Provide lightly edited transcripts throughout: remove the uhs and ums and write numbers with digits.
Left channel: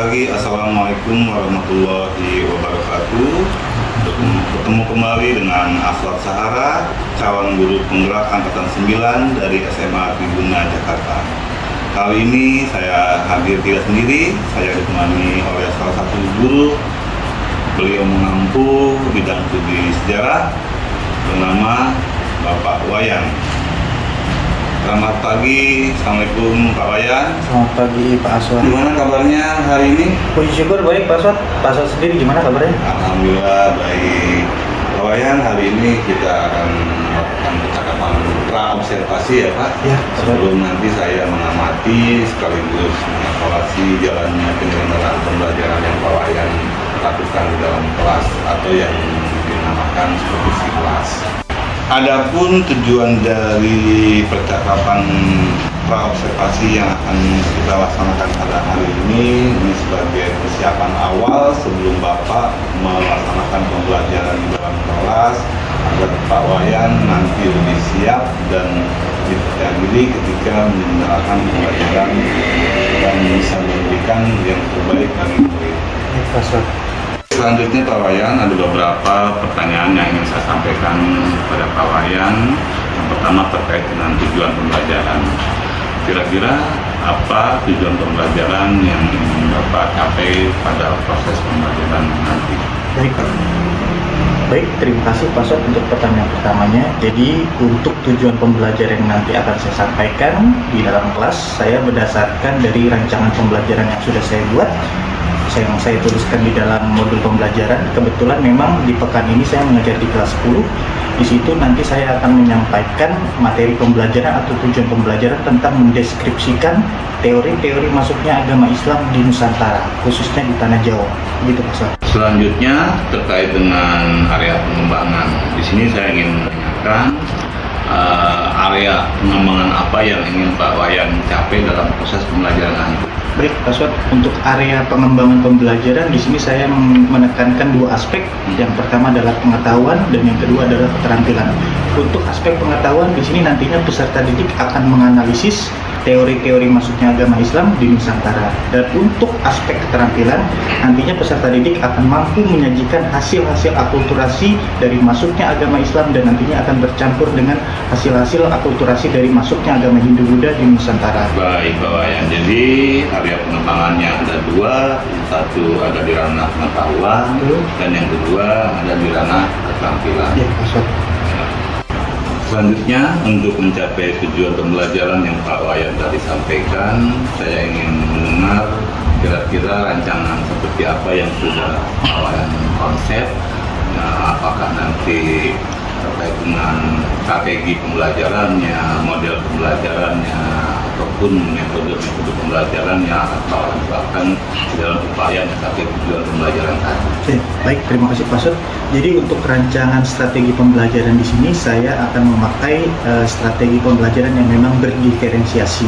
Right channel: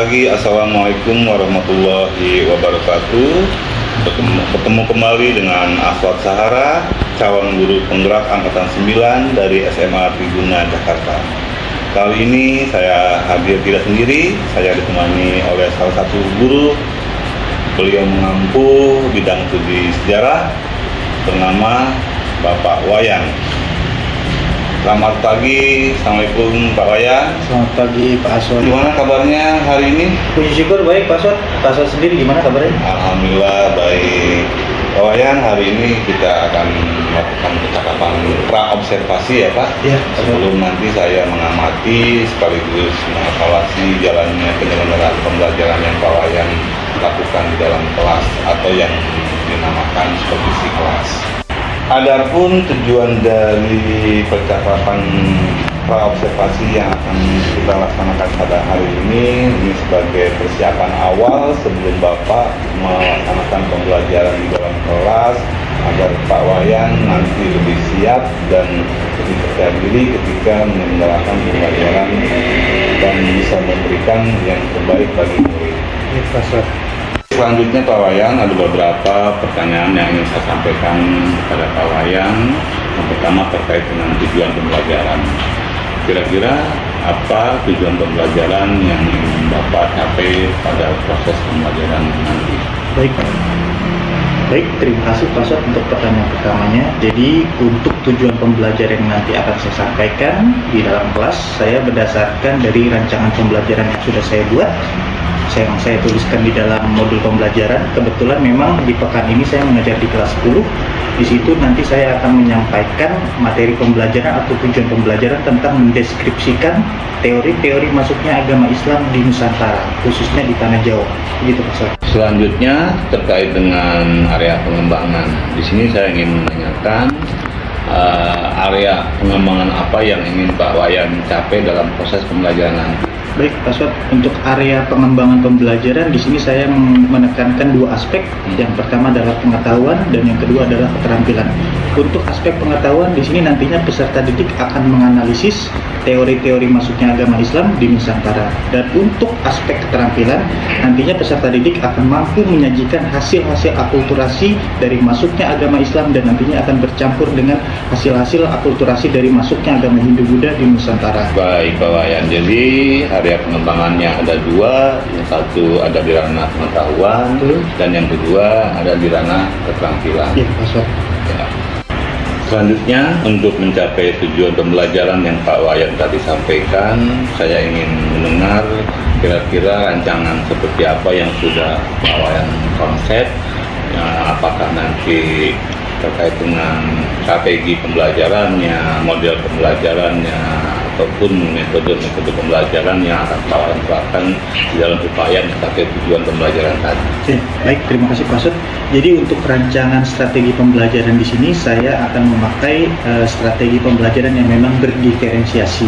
lagi, Assalamualaikum warahmatullahi wabarakatuh. Ketemu kembali dengan Aswad Sahara, calon guru penggerak Angkatan 9 dari SMA Tribuna, Jakarta. Kali ini saya hadir tidak sendiri, saya ditemani oleh salah satu guru. Beliau mengampu bidang studi sejarah bernama Bapak Wayan. Selamat pagi, Assalamualaikum Pak Wayan. Selamat pagi Pak Aswad. Gimana kabarnya hari ini? Puji syukur baik Pak Aswad. Pak Aswad sendiri gimana kabarnya? Alhamdulillah baik. Pak Wayan, hari ini kita akan melakukan percakapan pra-observasi ya Pak. Ya. Sebelum nanti saya mengamati sekaligus mengevaluasi jalannya penyelenggaraan pembelajaran yang Pak Wayan lakukan di dalam kelas atau yang dinamakan supervisi kelas. Adapun tujuan dari percakapan pra-observasi yang akan kita laksanakan pada hari ini sebagai persiapan awal sebelum Bapak melaksanakan pembelajaran di dalam kelas agar Pak Wayan nanti lebih siap dan lebih percaya diri ketika menyelenggarakan pembelajaran dan bisa memberikan yang terbaik bagi murid. Ya, Pak Aswad. Selanjutnya Pak Wayan, ada beberapa pertanyaan yang ingin saya sampaikan kepada Pak Wayan. Yang pertama terkait dengan tujuan pembelajaran. Kira-kira apa tujuan pembelajaran yang ingin Bapak capai pada proses pembelajaran nanti? Baik, terima kasih Pak Aswad untuk pertanyaan pertamanya. Jadi untuk tujuan pembelajaran yang nanti akan saya sampaikan di dalam kelas, saya berdasarkan dari rancangan pembelajaran yang sudah saya buat, yang saya tuliskan di dalam modul pembelajaran. Kebetulan memang di pekan ini saya mengajar di kelas 10. Di situ nanti saya akan menyampaikan materi pembelajaran atau tujuan pembelajaran tentang mendeskripsikan teori-teori masuknya agama Islam di Nusantara, khususnya di Tanah Jawa. Begitu Pak Aswad. Selanjutnya terkait dengan area pengembangan. Di sini saya ingin menanyakan area pengembangan apa yang ingin Pak Wayan capai dalam proses pembelajaran nanti. Baik, Pak Aswad, untuk area pengembangan pembelajaran di sini saya menekankan dua aspek. Yang pertama adalah pengetahuan dan yang kedua adalah keterampilan. Untuk aspek pengetahuan di sini nantinya peserta didik akan menganalisis teori-teori masuknya agama Islam di Nusantara. Dan untuk aspek keterampilan, nantinya peserta didik akan mampu menyajikan hasil-hasil akulturasi dari masuknya agama Islam dan nantinya akan bercampur dengan hasil-hasil akulturasi dari masuknya agama Hindu-Buddha di Nusantara. Baik Pak Wayan, jadi area pengembangannya ada dua, yang satu ada di ranah pengetahuan dan yang kedua ada di ranah keterampilan. Ya, Pak Aswad. Ya. Selanjutnya, untuk mencapai tujuan pembelajaran yang Pak Wayan tadi sampaikan, saya ingin mendengar kira-kira rancangan seperti apa yang sudah Pak Wayan konsep, ya, apakah nanti terkait dengan strategi pembelajarannya, model pembelajarannya, ataupun metode-metode pembelajaran yang akan Pak Wayan terapkan di dalam upaya mencapai tujuan pembelajaran tadi. Oke, baik, terima kasih Pak Aswad. Jadi untuk rancangan strategi pembelajaran di sini saya akan memakai strategi pembelajaran yang memang berdiferensiasi,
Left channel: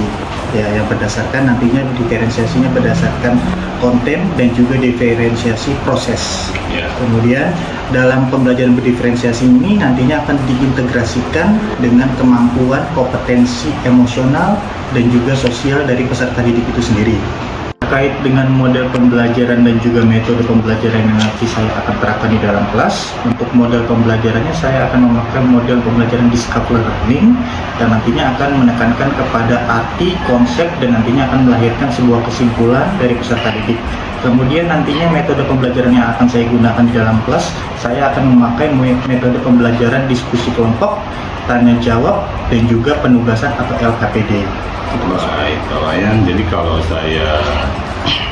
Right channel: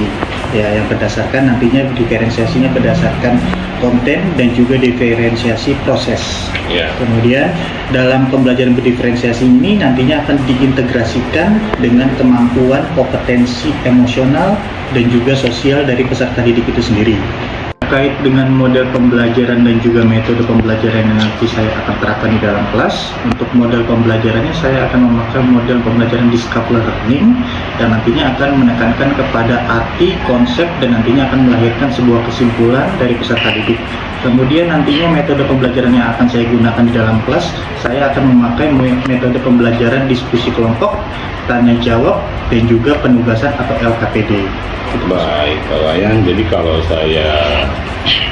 ya, yang berdasarkan nantinya diferensiasinya berdasarkan konten dan juga diferensiasi proses. Ya. Kemudian dalam pembelajaran berdiferensiasi ini nantinya akan diintegrasikan dengan kemampuan kompetensi emosional dan juga sosial dari peserta didik itu sendiri. Terkait dengan model pembelajaran dan juga metode pembelajaran yang nanti saya akan terapkan di dalam kelas, untuk model pembelajarannya saya akan memakai model pembelajaran discover learning dan nantinya akan menekankan kepada arti, konsep, dan nantinya akan melahirkan sebuah kesimpulan dari peserta didik. Kemudian nantinya metode pembelajaran yang akan saya gunakan di dalam kelas, saya akan memakai metode pembelajaran diskusi kelompok, tanya jawab, dan juga penugasan atau LKPD. Baik Pak Wayan, jadi kalau saya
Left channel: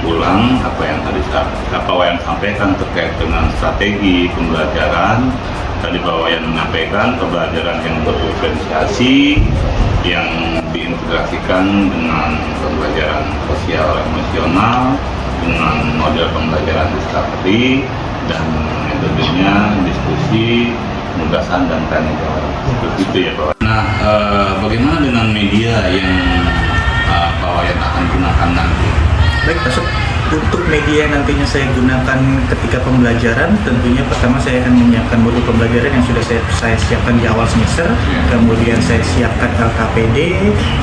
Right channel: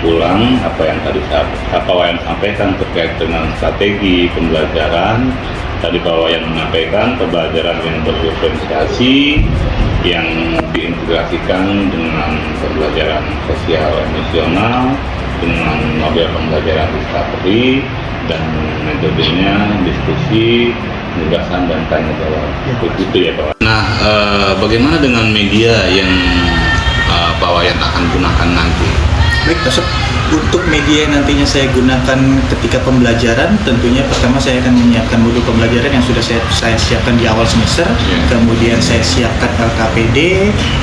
ulang apa yang tadi Pak Wayan sampaikan terkait dengan strategi pembelajaran, tadi Pak Wayan menyampaikan pembelajaran yang berdiferensiasi, yang diintegrasikan dengan pembelajaran sosial emosional, dengan model pembelajaran discovery, dan metodenya diskusi, penugasan, dan tanya jawab. Begitu ya Pak Wayan. Nah, bagaimana dengan media yang Pak Wayan akan gunakan nanti? Baik, untuk media yang nantinya saya gunakan ketika pembelajaran, tentunya pertama saya akan menyiapkan modul pembelajaran yang sudah saya siapkan di awal semester. Kemudian saya siapkan LKPD,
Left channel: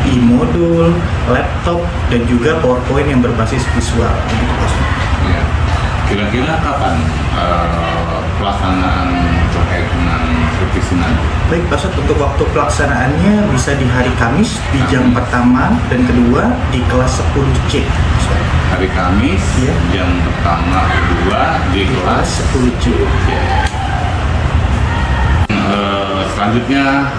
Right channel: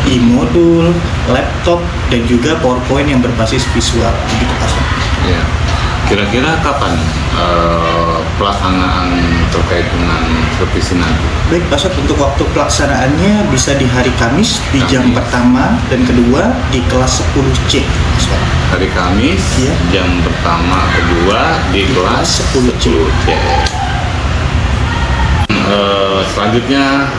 e-modul, laptop, dan juga PowerPoint yang berbasis visual. Begitu, Pak. Ya. Kira-kira kapan pelaksanaan terkait dengan revisi nanti? Baik Pak Ustadz, untuk waktu pelaksanaannya bisa di hari Kamis di jam pertama dan kedua di kelas 10C. Ustadz. Hari Kamis, Ya. jam pertama, kedua di kelas 10C. 10C. Selanjutnya,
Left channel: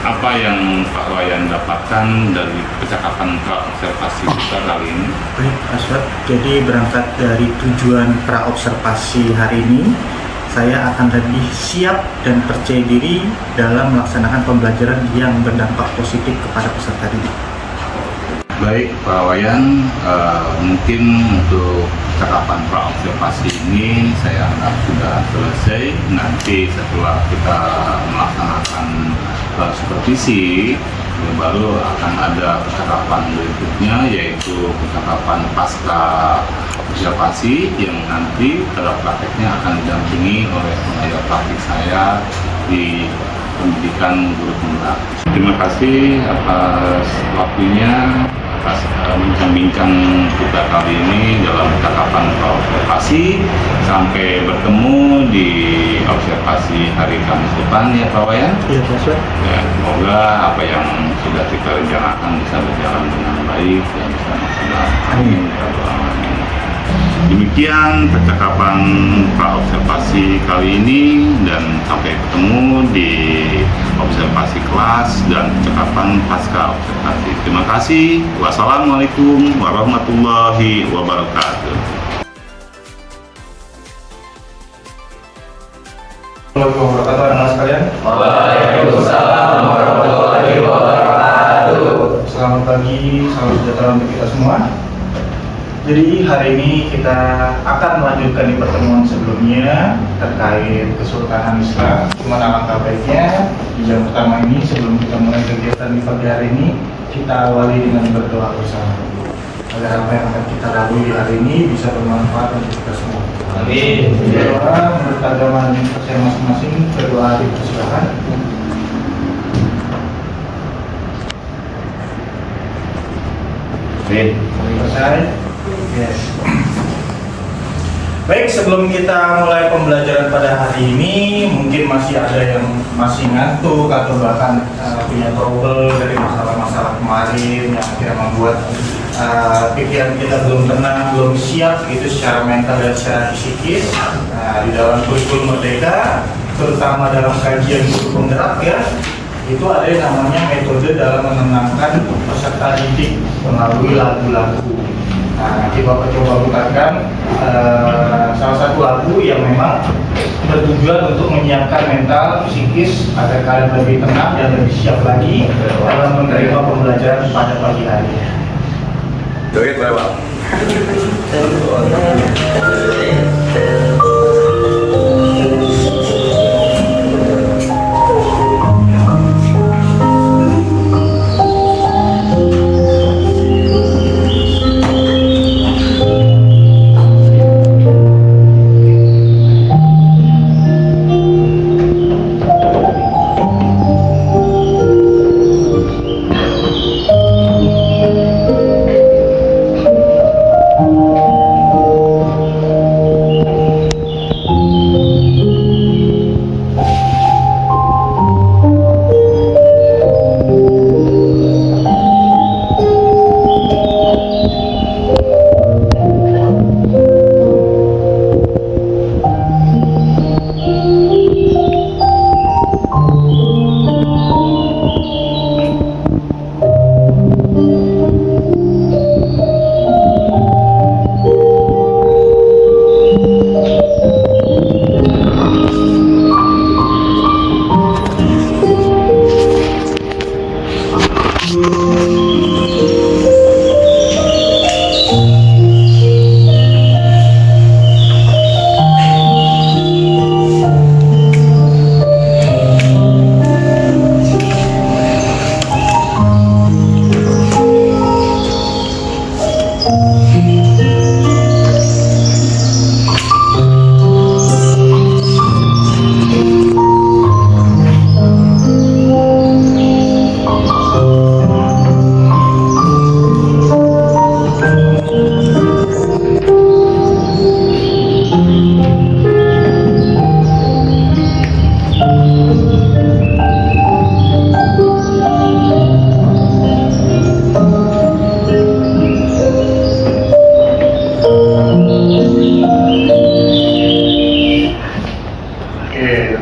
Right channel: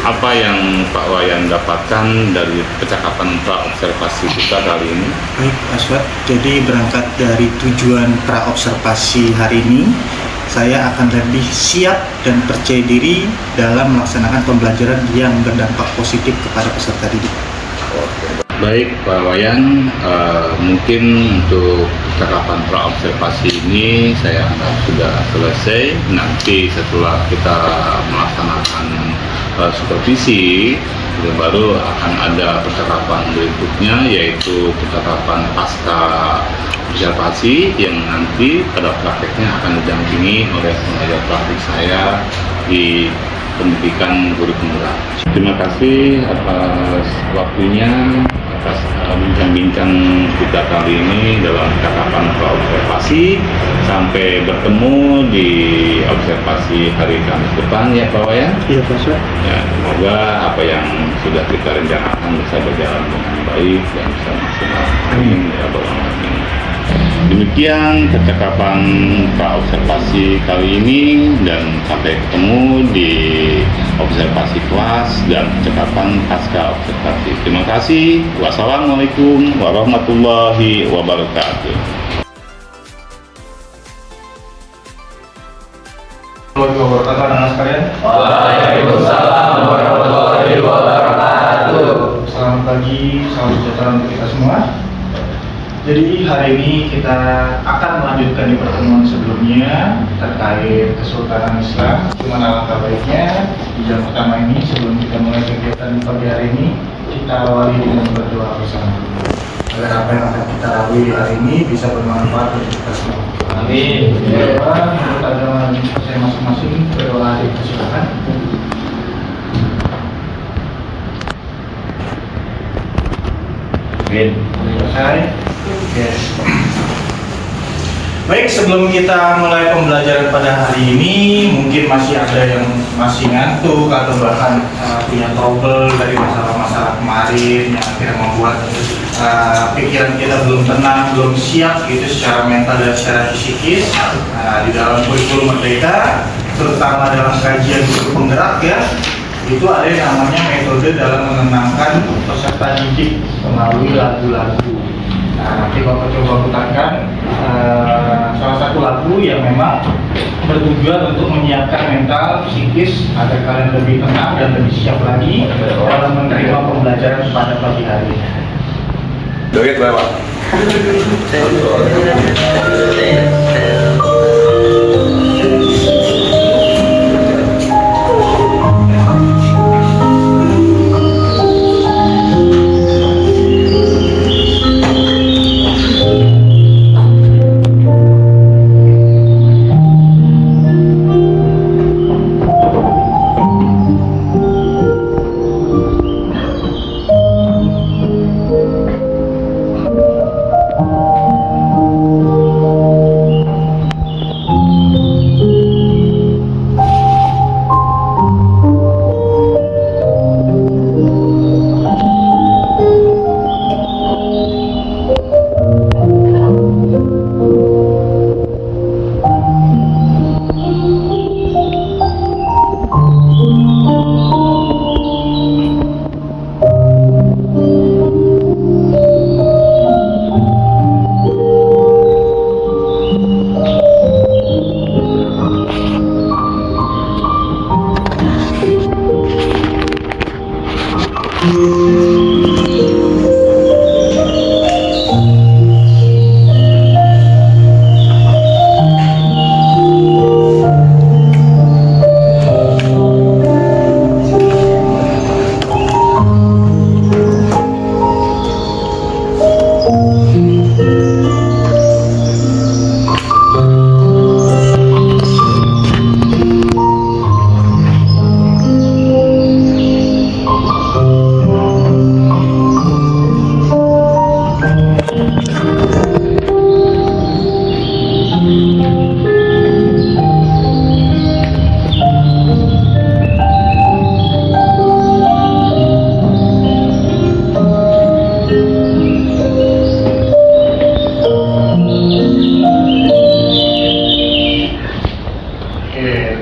apa yang Pak Wayan dapatkan dari percakapan pra-observasi kita kali ini? Baik Pak Ustadz, jadi berangkat dari tujuan pra-observasi hari ini, saya akan lebih siap dan percaya diri dalam melaksanakan pembelajaran yang berdampak positif kepada peserta didik. Baik Pak Wayan, mungkin untuk percakapan pra-observasi ini saya anggap sudah selesai. Nanti setelah kita melaksanakan supervisi, itu baru akan ada percakapan berikutnya, yaitu percakapan pasca observasi yang nanti pada prakteknya akan didampingi oleh pengajar praktik saya di pendidikan guru penggerak. Terima kasih atas waktunya, atas bincang-bincang kita kali ini dalam percakapan observasi. Sampai bertemu di observasi hari Kamis depan ya Pak Wayan. Iya Pak Ustadz. Ya, semoga apa yang sudah kita rencanakan bisa berjalan dengan baik dan bisa maksimal. Amin ya rabbal alamin. Demikian percakapan pra-observasi kali ini, dan sampai ketemu di observasi kelas dan percakapan pasca observasi. Terima kasih. Wassalamualaikum warahmatullahi wabarakatuh. Assalamualaikum warahmatullahi wabarakatuh, anak-anak sekalian. Waalaikumsalam warahmatullahi wabarakatuh. Selamat pagi, salam sejahtera untuk kita semua. Jadi hari ini kita akan melanjutkan di pertemuan sebelumnya terkait Kesultanan Islam. Cuman alangkah baiknya di jam pertama ini, sebelum kita mulai kegiatan di pagi hari ini, kita awali dengan berdoa bersama agar apa yang akan kita lalui di hari ini bisa bermanfaat untuk kita semua. Amin. Berdoa menurut agama saya masing-masing, berdoa dipersilakan. Amin. Selesai. Yes. Baik, sebelum kita mulai pembelajaran pada hari ini, mungkin masih ada yang masih ngantuk atau bahkan punya trouble dari masalah-masalah kemarin yang akhirnya membuat pikiran kita belum tenang, belum siap gitu secara mental dan secara psikis. Di dalam kurikulum Merdeka, terutama dalam kajian guru penggerak ya, itu ada yang namanya metode dalam menenangkan peserta didik melalui lagu-lagu. Nah, nanti Bapak coba putarkan salah satu lagu yang memang bertujuan untuk menyiapkan mental, psikis agar kalian lebih tenang dan lebih siap lagi dalam menerima pembelajaran pada pagi hari ini. Doit lewat.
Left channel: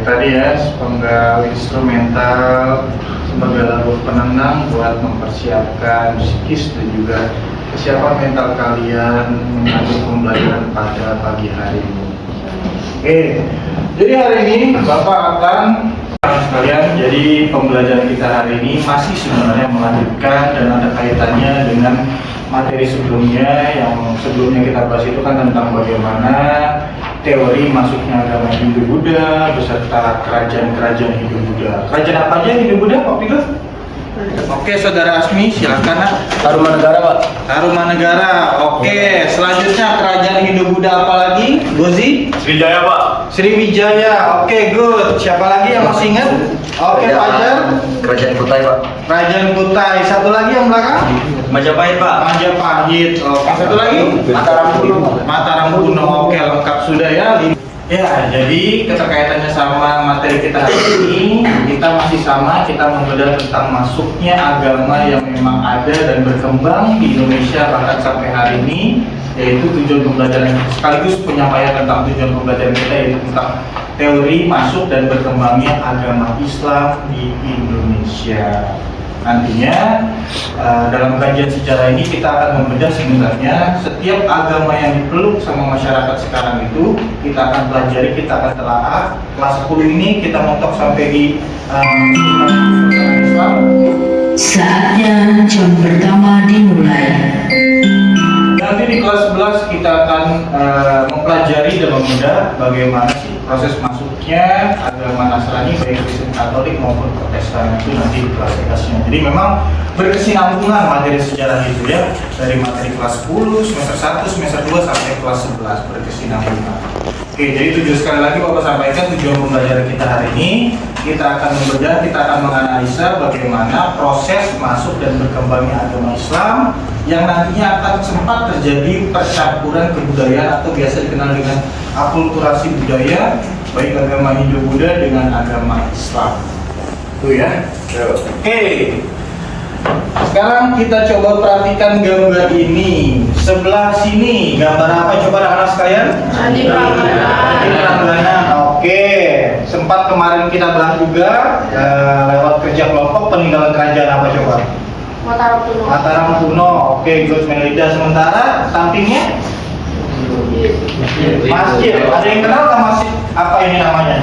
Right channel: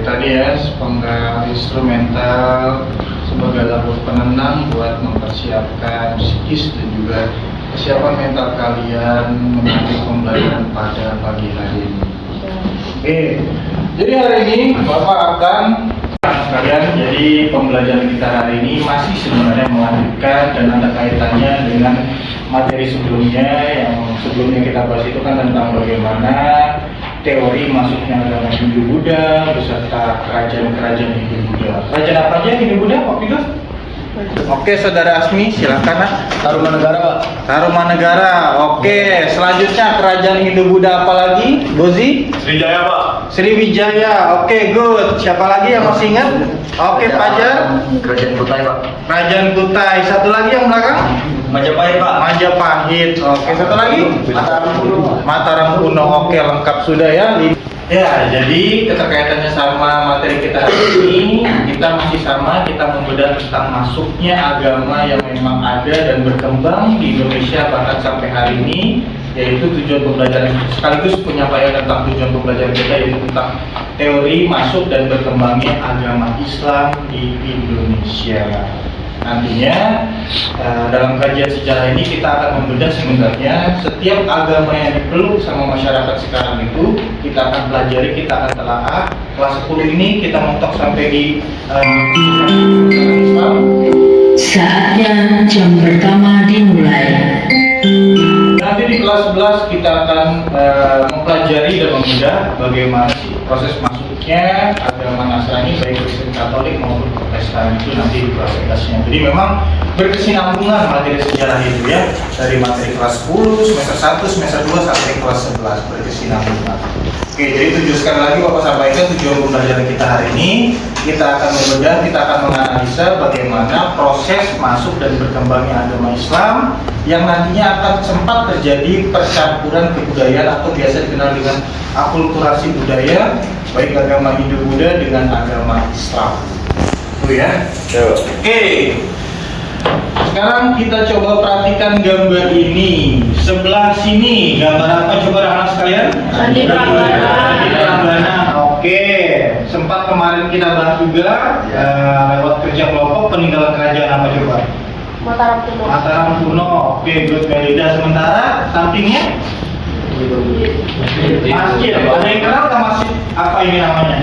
tadi ya, sepenggal instrumental sebagai lagu penenang buat mempersiapkan psikis dan juga kesiapan mental kalian menyambut pembelajaran pada pagi hari ini. Oke, jadi hari ini Bapak akan sekalian, jadi pembelajaran kita hari ini masih sebenarnya melanjutkan dan ada kaitannya dengan materi sebelumnya. Yang sebelumnya kita bahas itu kan tentang bagaimana teori masuknya agama Hindu-Buddha beserta kerajaan-kerajaan Hindu-Buddha. Kerajaan apa aja Hindu-Buddha waktu itu? Oke, Saudara Asmi, silakan. Tarumanegara, Pak. Tarumanegara. Oke, selanjutnya kerajaan Hindu-Buddha apa lagi? Gozi? Sriwijaya, Pak. Sriwijaya. Oke, good. Siapa lagi yang masih ingat? Oke, Fajar. Kerajaan Kutai, Pak. Kerajaan Kutai. Satu lagi yang belakang? Majapahit, Pak. Majapahit. Oke, satu lagi? Mataram kuno, Pak. Mataram kuno. Oke, lengkap sudah ya. Ya, jadi keterkaitannya sama materi kita hari ini, kita masih sama, kita membedah tentang masuknya agama yang memang ada dan berkembang di Indonesia bahkan sampai hari ini, yaitu tujuan pembelajaran sekaligus penyampaian tentang tujuan pembelajaran kita, yaitu tentang teori masuk dan berkembangnya agama Islam di Indonesia. Nantinya dalam kajian sejarah ini kita akan membedah sebenarnya setiap agama yang dipeluk sama masyarakat sekarang itu kita akan pelajari, kita akan telaah. Kelas 10 ini kita mentok sampai di Islam. Saatnya jam pertama dimulai. Nanti di kelas 11 kita akan mempelajari dan membedah bagaimana sih proses masuknya agama Nasrani baik Kristen Katolik maupun Protestan itu nanti di kelas 11-nya. Jadi memang berkesinambungan materi sejarah itu ya, dari materi kelas 10, semester 1, semester 2 sampai kelas 11 berkesinambungan. Oke, jadi sekali lagi Bapak sampaikan tujuan pembelajaran kita hari ini, kita akan membedah, kita akan menganalisa bagaimana proses masuk dan berkembangnya agama Islam yang nantinya akan sempat terjadi percampuran kebudayaan atau biasa dikenal dengan akulturasi budaya baik agama Hindu-Buddha dengan agama Islam. Itu ya. Oke. Sekarang kita coba perhatikan gambar ini. Sebelah sini gambar apa coba anak-anak sekalian? Candi Prambanan. Oke. Sempat kemarin kita bahas juga lewat kerja kelompok peninggalan kerajaan apa coba? Mataram kuno. Mataram kuno. Oke, good Melida. Sementara sampingnya masjid. Ada yang kenal nggak masjid? Apa ini namanya?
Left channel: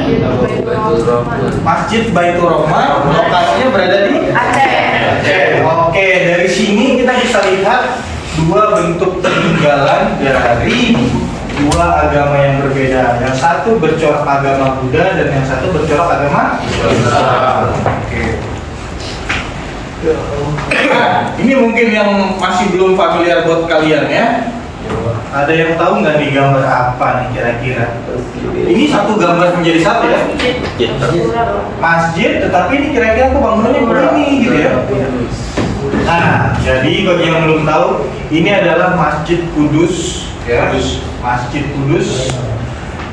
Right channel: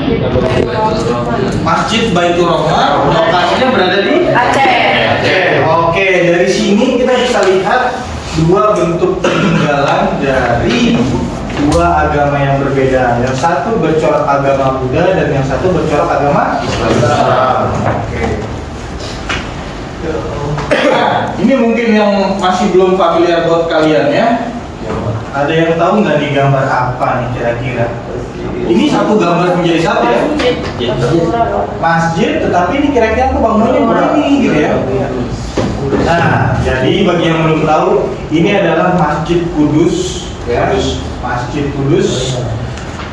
Masjid Baitur Rahman. Lokasinya berada di Aceh. Oke, dari sini kita bisa lihat dua bentuk peninggalan dari dua agama yang berbeda. Yang satu bercorak agama Buddha dan yang satu bercorak agama Islam. Oke. Nah, ini mungkin yang masih belum familiar buat kalian ya. Ada yang tahu nggak nih gambar apa nih kira-kira? Ini satu gambar menjadi satu ya. Masjid, tetapi ini kira-kira aku bangunnya begini gitu ya. Nah, jadi bagi yang belum tahu, ini adalah Masjid Kudus ya. Masjid Kudus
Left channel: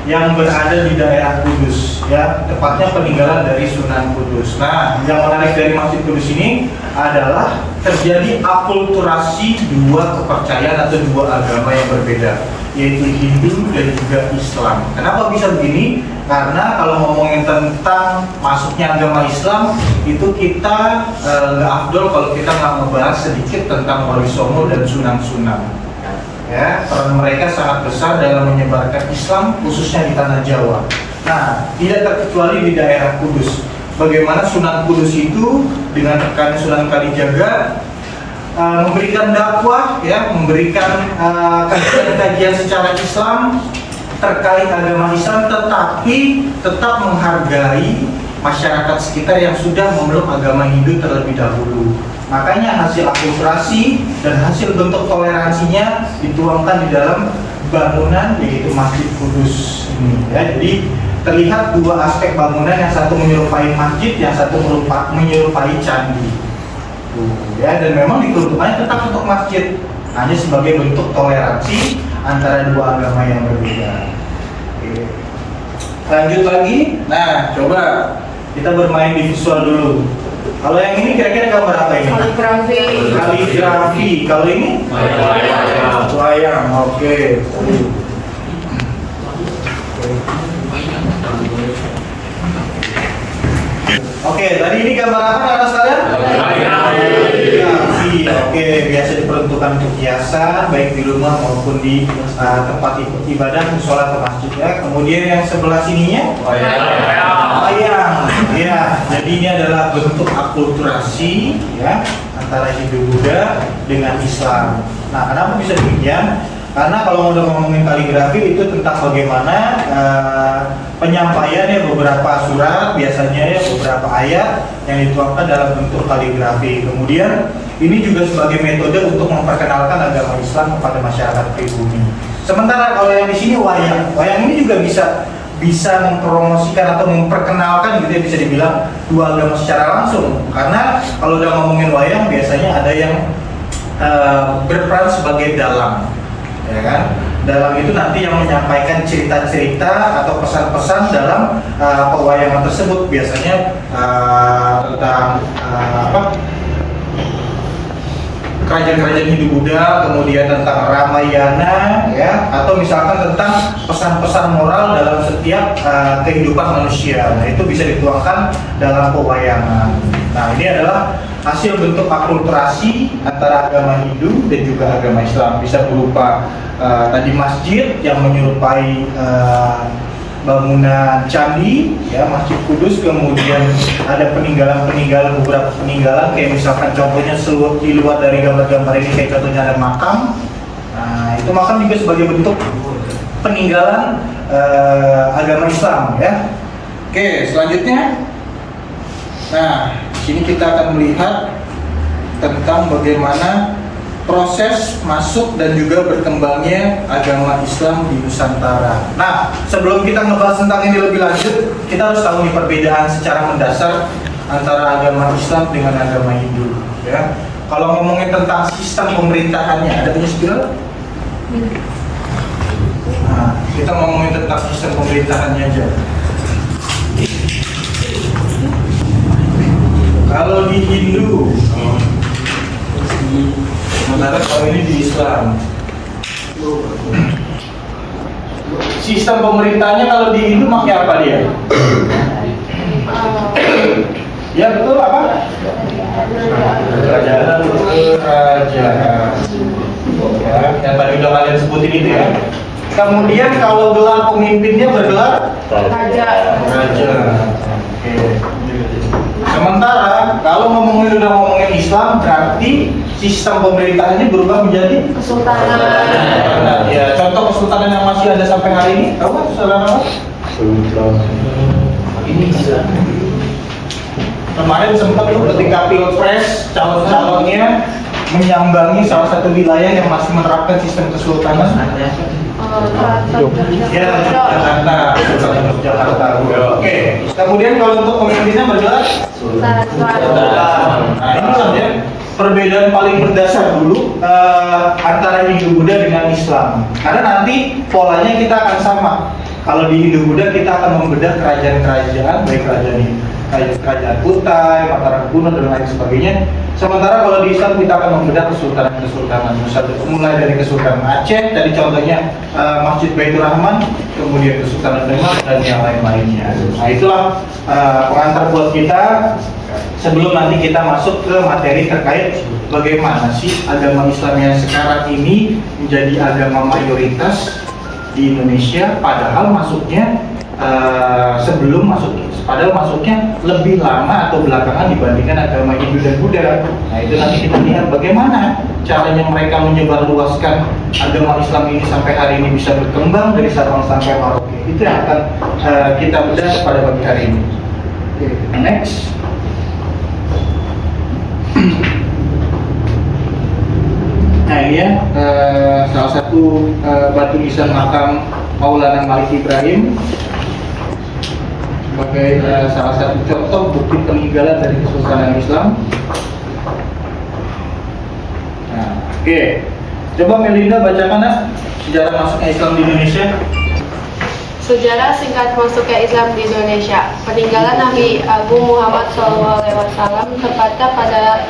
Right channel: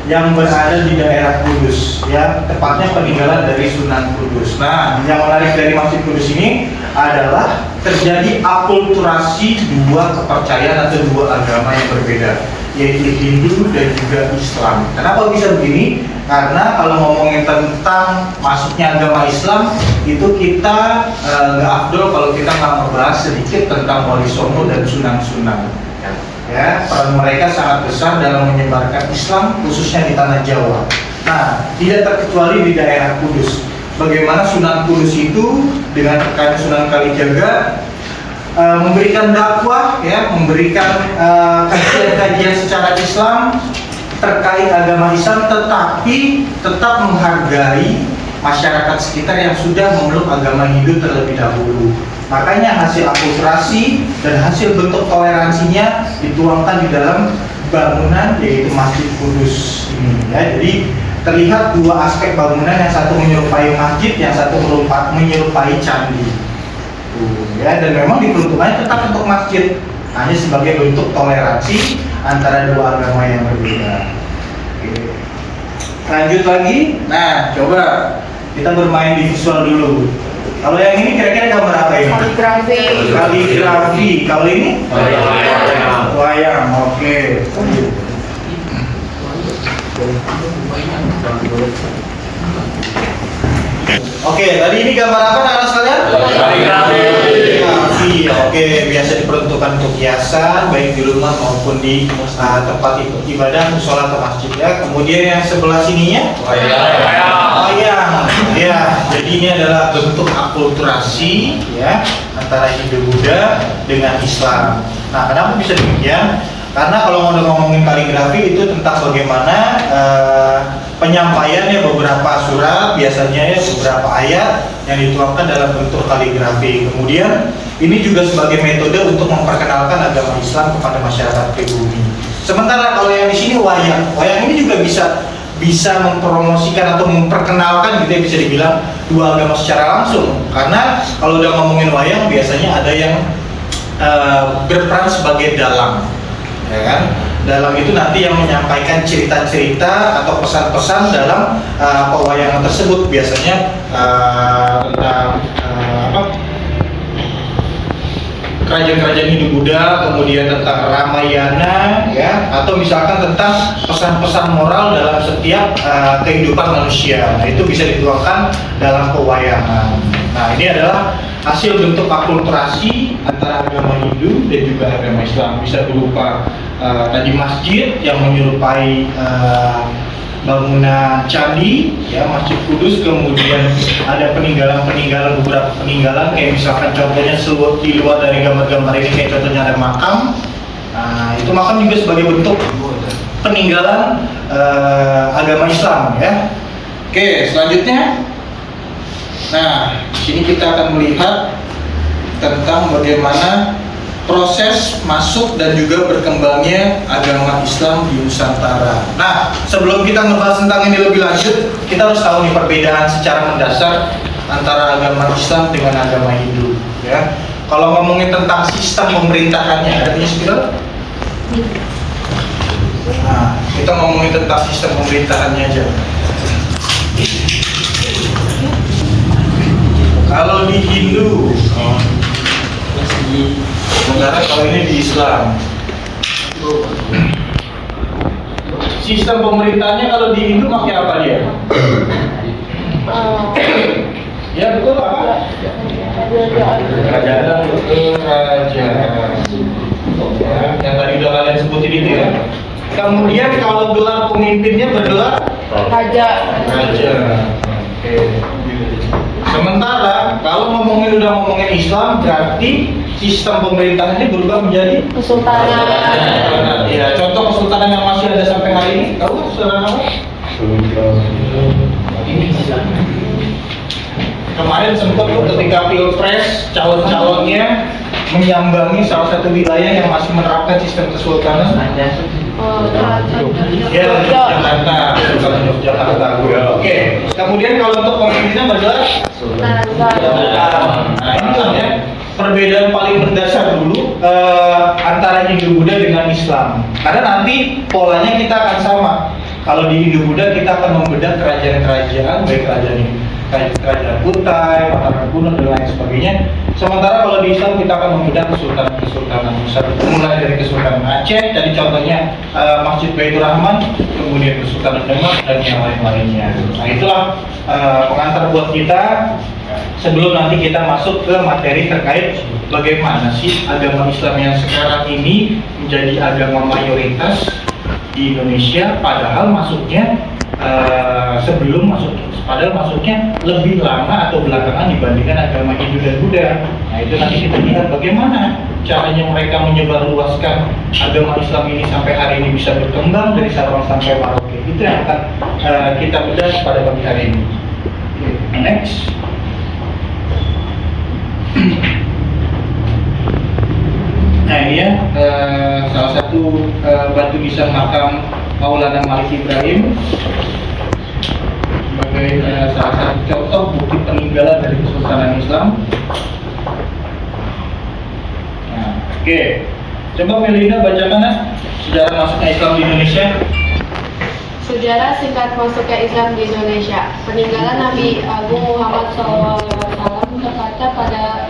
yang berada di daerah Kudus ya, tepatnya peninggalan dari Sunan Kudus. Nah, yang menarik dari Masjid Kudus ini adalah terjadi akulturasi dua kepercayaan atau dua agama yang berbeda, yaitu Hindu dan juga Islam. Kenapa bisa begini? Karena kalau ngomongin tentang masuknya agama Islam itu kita nggak afdol kalau kita nggak ngebahas sedikit tentang Wali Songo dan Sunan-Sunan. Ya, peran mereka sangat besar dalam menyebarkan Islam khususnya di tanah Jawa. Nah, tidak terkecuali di daerah Kudus. Bagaimana Sunan Kudus itu dengan rekan Sunan Kalijaga memberikan dakwah, ya, memberikan kajian-kajian secara Islam terkait agama Islam, tetapi tetap menghargai masyarakat sekitar yang sudah memeluk agama Hindu terlebih dahulu. Makanya hasil akulturasi dan hasil bentuk toleransinya dituangkan di dalam bangunan yaitu Masjid Kudus ini. Ya, jadi terlihat dua aspek bangunan, yang satu menyerupai masjid, yang satu menyerupai candi. Ya, dan memang diperuntukkannya tetap untuk masjid, hanya sebagai bentuk toleransi antara dua agama yang berbeda. Oke. Lanjut lagi. Nah, coba kita bermain di visual dulu. Kalau yang ini kira-kira gambar apa ini? Kaligrafi. Kalau ini? Wayang. Oke. Oke, tadi ini gambar apa anak sekalian? Kaligrafi. Oke, biasa diperuntukkan untuk hiasan baik di rumah maupun di tempat ibadah, musola atau masjid ya. Kemudian yang sebelah sininya wayang. Ya, jadi ini adalah bentuk akulturasi ya antara Hindu Buddha dengan Islam. Nah, kenapa bisa demikian? Karena kalau mau ngomongin kaligrafi itu tentang bagaimana penyampaiannya beberapa surat, biasanya ya beberapa ayat yang dituangkan dalam bentuk kaligrafi. Kemudian ini juga sebagai metode untuk memperkenalkan agama Islam kepada masyarakat pribumi. Sementara kalau yang di sini wayang ini juga bisa mempromosikan atau memperkenalkan gitu ya, bisa dibilang dua agama secara langsung. Karena kalau udah ngomongin wayang biasanya ada yang berperan sebagai dalang. Ya kan? Dalam itu nanti yang menyampaikan cerita-cerita atau pesan-pesan dalam pewayangan tersebut, biasanya tentang kerajaan-kerajaan Hindu Buddha, kemudian tentang Ramayana ya, atau misalkan tentang pesan-pesan moral dalam setiap kehidupan manusia. Nah, itu bisa dituangkan dalam pewayangan. Nah, ini adalah hasil bentuk akulturasi antara agama Hindu dan juga agama Islam. Bisa berupa tadi masjid yang menyerupai bangunan candi ya, Masjid Kudus, kemudian ada beberapa peninggalan kayak misalkan contohnya di luar dari gambar-gambar ini, kayak contohnya ada makam. Nah, itu makam juga sebagai bentuk peninggalan agama Islam ya. Oke, selanjutnya. Nah, di sini kita akan melihat tentang bagaimana proses masuk dan juga berkembangnya agama Islam di Nusantara. Nah, sebelum kita ngebahas tentang ini lebih lanjut, kita harus tahu nih perbedaan secara mendasar antara agama Islam dengan agama Hindu. Ya, kalau ngomongin tentang sistem pemerintahannya, ada punya spill? Nah, kita ngomongin tentang sistem pemerintahannya aja. Kalau di Hindu, sementara kalau ini di Islam, sistem pemerintahnya kalau di Hindu pakai apa dia? Ya betul, apa? Kerajaan. Ya, yang tadi udah kalian sebutin itu ya. Kemudian kalau gelar pemimpinnya bergelar raja. Oke. Sementara kalau udah ngomongin Islam, berarti sistem pemerintahannya berubah menjadi kesultanan. Ya, contoh kesultanan yang masih ada sampai hari ini, tahu saudara apa? Ini kemarin sempat ketika pilpres calon-calonnya menyambangi salah satu wilayah yang masih menerapkan sistem kesultanan. Ya, Jakarta, Sultan Yogyakarta. Oke. Kemudian kalau untuk pemimpinnya bergelar sultan. Nah, inilah ya perbedaan paling mendasar dulu antara Hindu Buddha dengan Islam. Karena nanti polanya kita akan sama. Kalau di Hindu Buddha kita akan membedah kerajaan-kerajaan, baik kerajaan Kutai, Mataram Kuno dan lain sebagainya. Sementara kalau di Islam kita akan membedah kesultanan. Mulai dari Kesultanan Aceh, tadi contohnya Masjid Baitur Rahman, kemudian Kesultanan Demak dan yang lain-lainnya. Nah, itulah pengantar buat kita sebelum nanti kita masuk ke materi terkait bagaimana sih agama Islam yang sekarang ini menjadi agama mayoritas di Indonesia, padahal masuknya masuknya lebih lama atau belakangan dibandingkan agama Hindu dan Buddha. Nah, itu nanti kita lihat bagaimana caranya mereka menyebarluaskan agama Islam ini sampai hari ini bisa berkembang dari Sabang sampai Merauke. Itu yang akan kita bedah pada pagi hari ini. Oke, next. Nah, ini ya salah satu batu nisan makam Maulana Malik Ibrahim sebagai salah satu contoh bukti peninggalan dari Kesultanan Islam. Nah, oke. Coba Melinda bacakan sejarah masuknya Islam di Indonesia. Sejarah singkat masuknya Islam di Indonesia. Peninggalan Nabi Agung Muhammad SAW tepatnya pada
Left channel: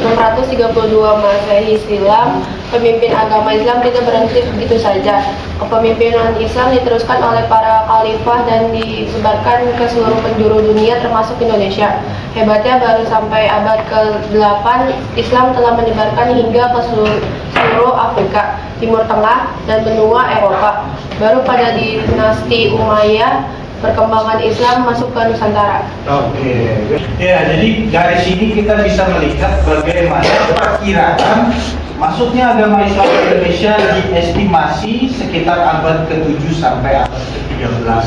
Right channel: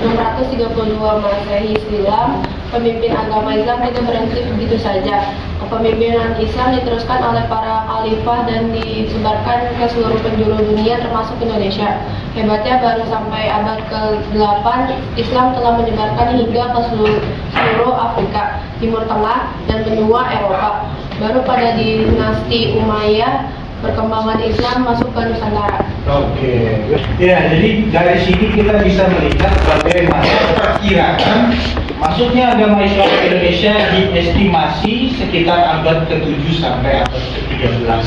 632 Masehi silam. Pemimpin agama Islam tidak berhenti begitu saja. Kepemimpinan Islam diteruskan oleh para para khalifah dan disebarkan ke seluruh penjuru dunia termasuk Indonesia. Hebatnya baru sampai abad ke-8 Islam telah menyebarkan hingga ke seluruh Afrika, Timur Tengah, dan benua Eropa. Baru pada dinasti Umayyah perkembangan Islam masuk ke Nusantara. Oke, ya jadi dari sini kita bisa melihat bagaimana perkiraan masuknya agama Islam ke Indonesia diestimasi sekitar abad ke-7 sampai abad ke-13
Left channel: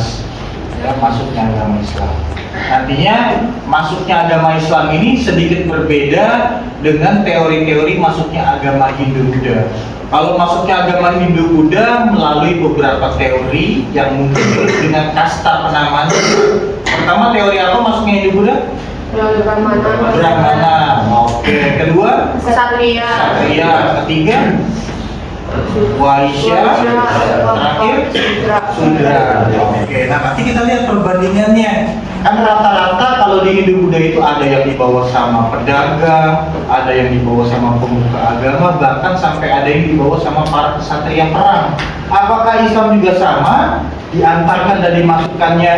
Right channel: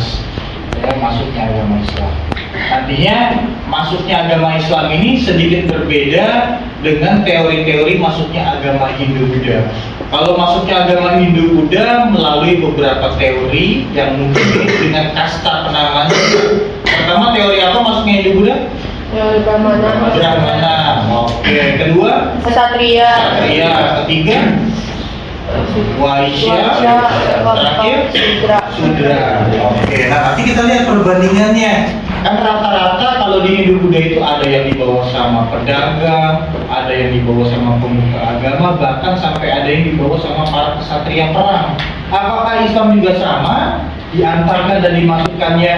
ya, masuknya agama Islam. Nantinya masuknya agama Islam ini sedikit berbeda dengan teori-teori masuknya agama Hindu-Buddha. Kalau masuknya agama Hindu-Buddha melalui beberapa teori yang mungkin dengan kasta penamaan. Pertama, teori apa masuknya Hindu-Buddha? Teori Brahmana. Oke. Kedua? Ksatria. Ksatria. Ketiga? Waisya. Terakhir? Sudra. Oke. Nah, nanti kita lihat perbandingannya. Kan rata-rata kalau di Hindu-Buddha itu ada yang dibawa sama pedagang, ada yang dibawa sama pemuka agama, bahkan sampai ada yang dibawa sama para ksatria perang. Apakah Islam juga sama? Diantarkan dan dimasukkannya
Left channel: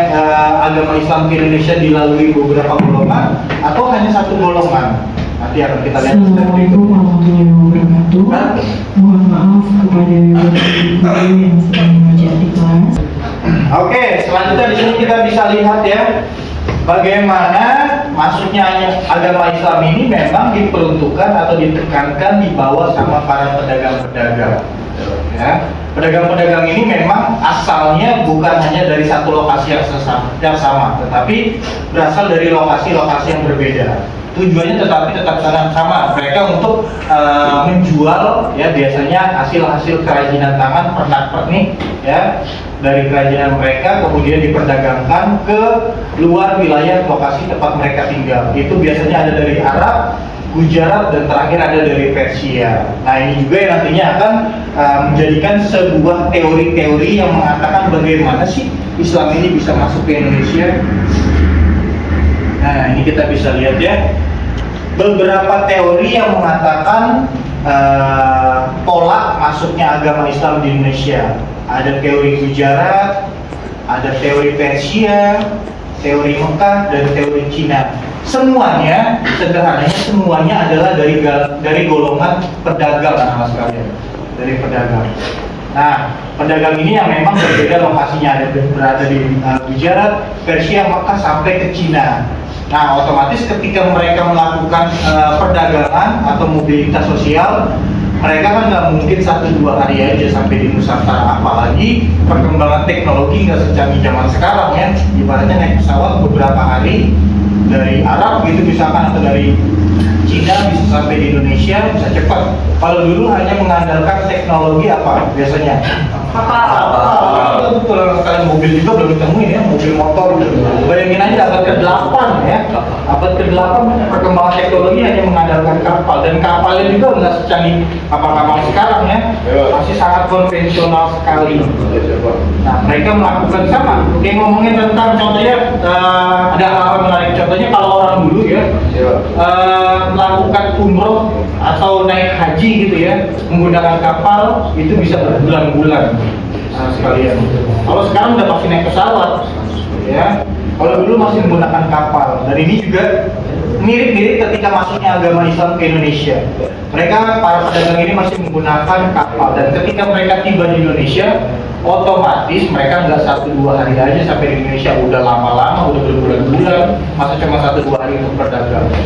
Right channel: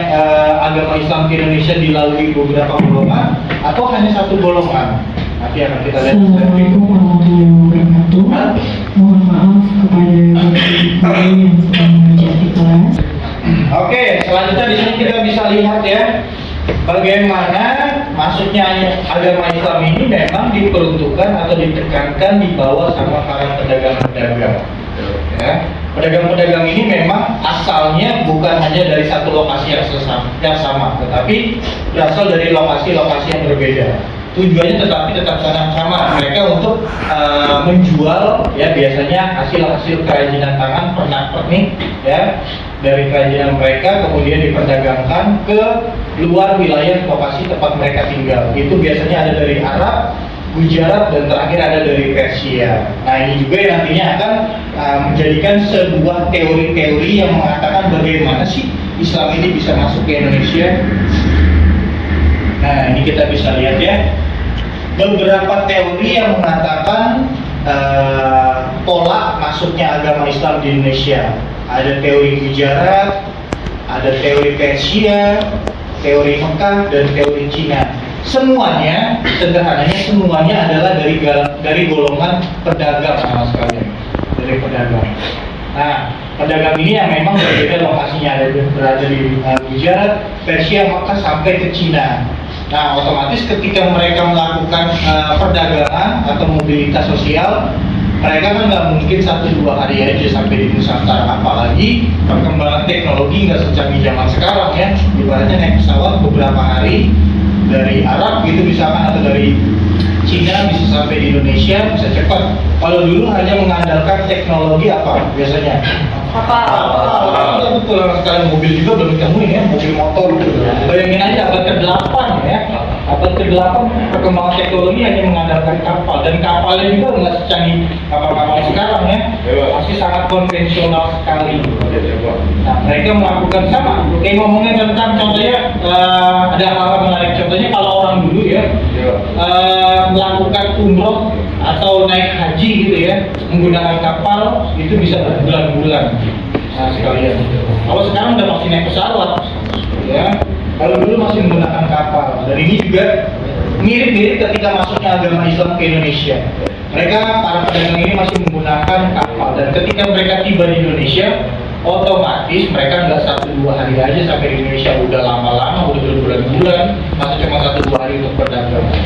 agama Islam ke Indonesia dilalui beberapa golongan atau hanya satu golongan? Nanti akan kita lihat. Assalamualaikum warahmatullahi wabarakatuh. Mohon maaf kepada ibu yang sedang mengajar di kelas. Oke, selanjutnya di sini kita bisa lihat ya bagaimana masuknya agama Islam ini memang diperuntukkan atau ditekankan dibawa sama para pedagang-pedagang. Ya, pedagang-pedagang ini memang asalnya bukan hanya dari satu lokasi yang sama, tetapi berasal dari lokasi-lokasi yang berbeda. Tujuannya tetap sama. Mereka untuk menjual ya biasanya hasil-hasil kerajinan tangan pernak-pernik ya dari kerajinan mereka, kemudian diperdagangkan ke luar wilayah lokasi tempat mereka tinggal. Itu biasanya ada dari Arab, Gujarat, dan terakhir ada dari Persia. Nah, ini juga yang nantinya akan menjadikan sebuah teori-teori yang mengatakan bagaimana sih Islam ini bisa masuk ke Indonesia. Nah, ini kita bisa lihat ya beberapa teori yang mengatakan tolak masuknya agama Islam di Indonesia. Ada teori Gujarat, ada teori Persia, teori Mekah, dan teori Cina. Semuanya, sederhananya semuanya adalah dari golongan pedagang sama sekalian, dari pedagang. Nah, pedagang ini yang memang berbeda lokasinya, berada di Gujarat, Persia, Mekah sampai ke Cina. Nah, otomatis ketika mereka melakukan perdagangan atau mobilitas sosial, mereka kan nggak mungkin 1-2 hari aja sampai di Nusantara, apalagi perkembangan teknologi nggak secanggih zaman sekarang ya. Ibaratnya naik pesawat beberapa hari dari Arab gitu misalkan atau dari Cina bisa sampai di Indonesia bisa cepat. Kalau dulu hanya mengandalkan teknologi apa biasanya? Kapal. Betul, kalian mobil juga belum ditemuin ya, mobil motor gitu. Bayangin aja abad ke-8 ya. Abad ke-8 perkembangan teknologi hanya mengandalkan kapal, dan kapalnya juga nggak secanggih kapal-kapal sekarang ya. Masih sangat konvensional sekali. Nah, mereka melakukan sama. Kayak ngomongin tentang contohnya ada hal menarik. Contohnya kalau orang dulu ya melakukan umroh atau naik haji gitu ya menggunakan kapal itu bisa berbulan-bulan sekalian. Kalau sekarang udah pasti naik pesawat ya. Kalau dulu masih menggunakan kapal. Dan ini juga mirip-mirip ketika masuknya agama Islam ke Indonesia. Mereka para pedagang ini masih menggunakan kapal, dan ketika mereka tiba di Indonesia otomatis mereka nggak 1-2 hari aja sampai di Indonesia, udah lama-lama, udah berbulan-bulan, masa cuma 1-2 hari untuk berdagang ya.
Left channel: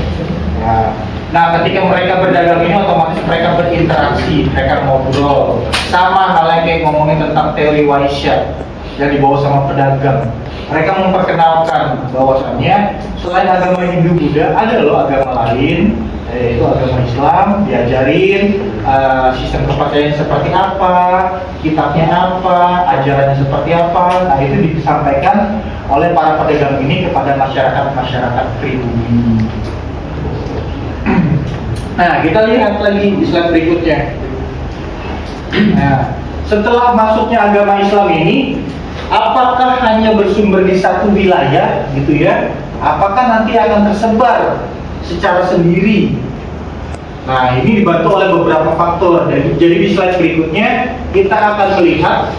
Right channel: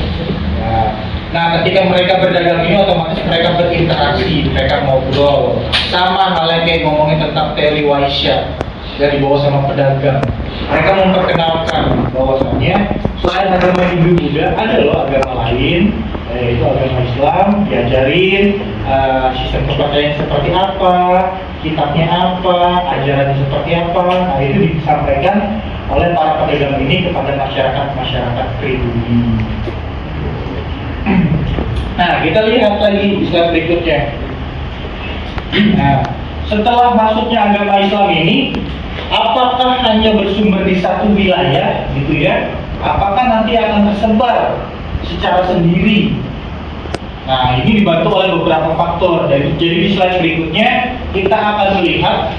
Nah, ketika mereka berdagang ini otomatis mereka berinteraksi, mereka ngobrol. Sama halnya kayak ngomongin tentang teori Waisya yang dibawa sama pedagang. Mereka memperkenalkan bahwasannya selain agama Hindu-Buddha ada loh agama lain, yaitu agama Islam. Diajarin sistem kepercayaan seperti apa, kitabnya apa, ajarannya seperti apa. Nah, itu disampaikan oleh para pedagang ini kepada masyarakat pribumi. Nah, kita lihat lagi slide berikutnya. Nah, setelah masuknya agama Islam ini, apakah hanya bersumber di satu wilayah, gitu ya? Apakah nanti akan tersebar secara sendiri? Nah, ini dibantu oleh beberapa faktor. Jadi di slide berikutnya kita akan melihat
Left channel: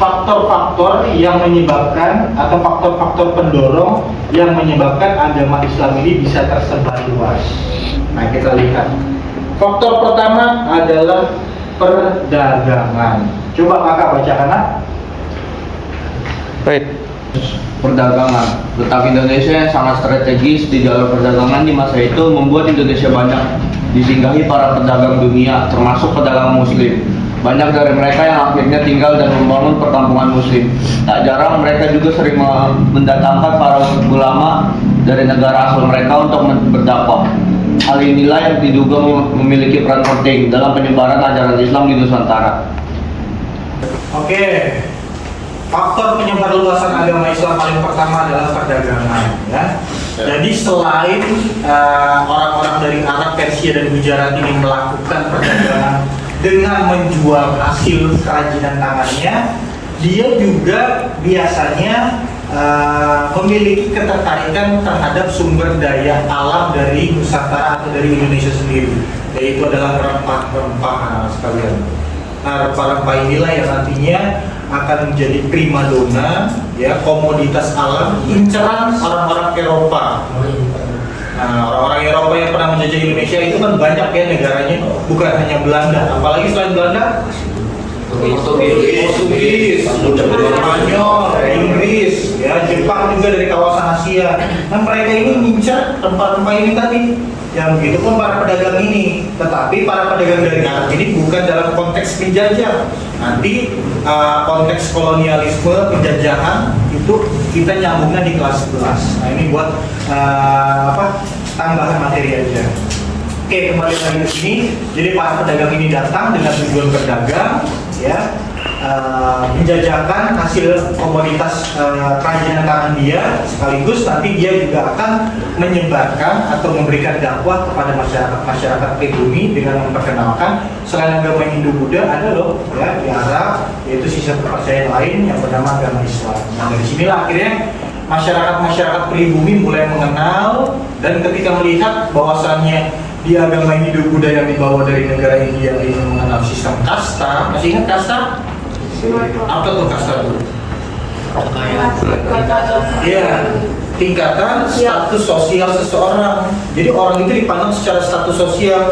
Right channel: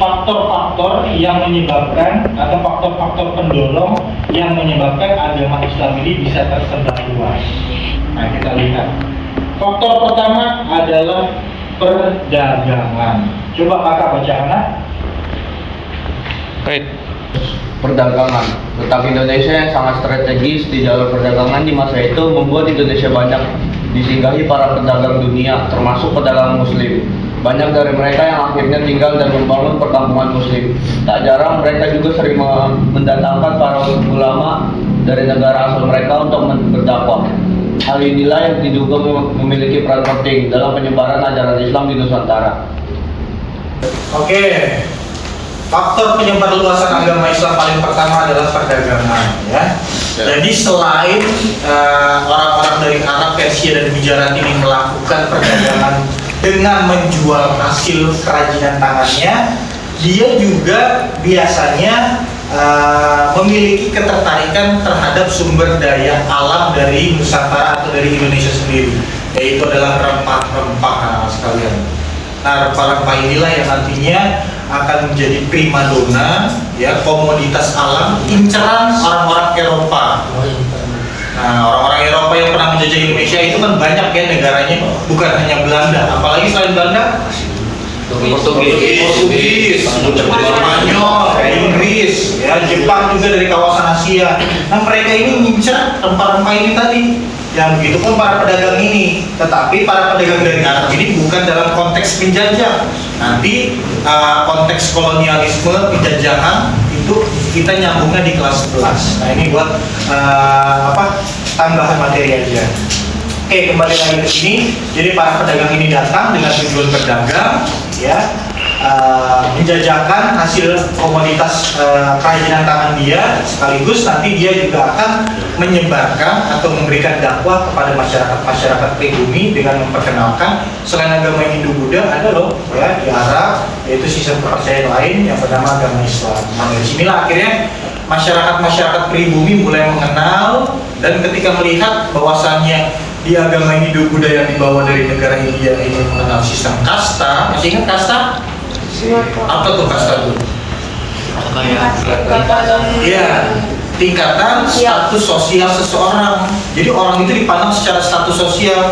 faktor-faktor yang menyebabkan atau faktor-faktor pendorong yang menyebabkan agama Islam ini bisa tersebar luas. Nah, kita lihat. Faktor pertama adalah perdagangan. Coba kakak bacakan. Baik. Perdagangan. Letak Indonesia yang sangat strategis di jalur perdagangan di masa itu membuat Indonesia banyak disinggahi para pedagang dunia, termasuk pedagang muslim. Banyak dari mereka yang akhirnya tinggal dan membangun perkampungan muslim. Tak jarang mereka juga sering mendatangkan para ulama dari negara asal mereka untuk berdakwah. Hal inilah yang diduga memiliki peran penting dalam penyebaran ajaran Islam di Nusantara. Oke. Faktor penyebar luasan agama Islam paling pertama adalah perdagangan, ya. Jadi selain orang-orang dari Arab, Persia, dan Gujarat ini melakukan perdagangan dengan menjual hasil kerajinan tangannya, dia juga biasanya memiliki ketertarikan terhadap sumber daya alam dari Nusantara atau dari Indonesia sendiri, yaitu adalah rempah-rempah sekalian. Nah, rempah-rempah inilah yang nantinya akan menjadi primadona, ya, komoditas alam inceran orang-orang Eropa. Nah, orang-orang Eropa yang pernah menjajah Indonesia itu kan banyak ya negaranya, bukan hanya Belanda, apalagi selain Belanda, Portugis, Spanyol, Inggris, ya, Jepang juga dari kawasan Asia. Nah, mereka ini ngincar rempah-rempah ini tadi. Yang begitu pun para pedagang ini, tetapi para pedagang dari Arab ini bukan dalam konteks penjajah. Nanti konteks kolonialisme, penjajahan itu kita nyambungnya di kelas 11. Nah, ini buat tambahan materi aja. Oke, kembali lagi ke sini. Jadi para pedagang ini datang dengan tujuan berdagang, ya, menjajakan hasil komoditas kerajinan tangan dia, sekaligus nanti dia juga akan menyebarkan atau memberikan dakwah kepada masyarakat pribumi dengan memperkenalkan selain agama Hindu-Buddha ada loh, ya, di Arab, yaitu sistem kepercayaan lain yang bernama agama Islam. Nah, dari sinilah akhirnya masyarakat pribumi mulai mengenal, dan ketika melihat bahwasannya di agama Hindu-Buddha yang dibawa dari negara India ini mengenal sistem kasta. Masih ingat kasta? Apa tuh kasta tuh? Iya, tingkatan status sosial seseorang. Jadi orang itu dipandang secara status sosial.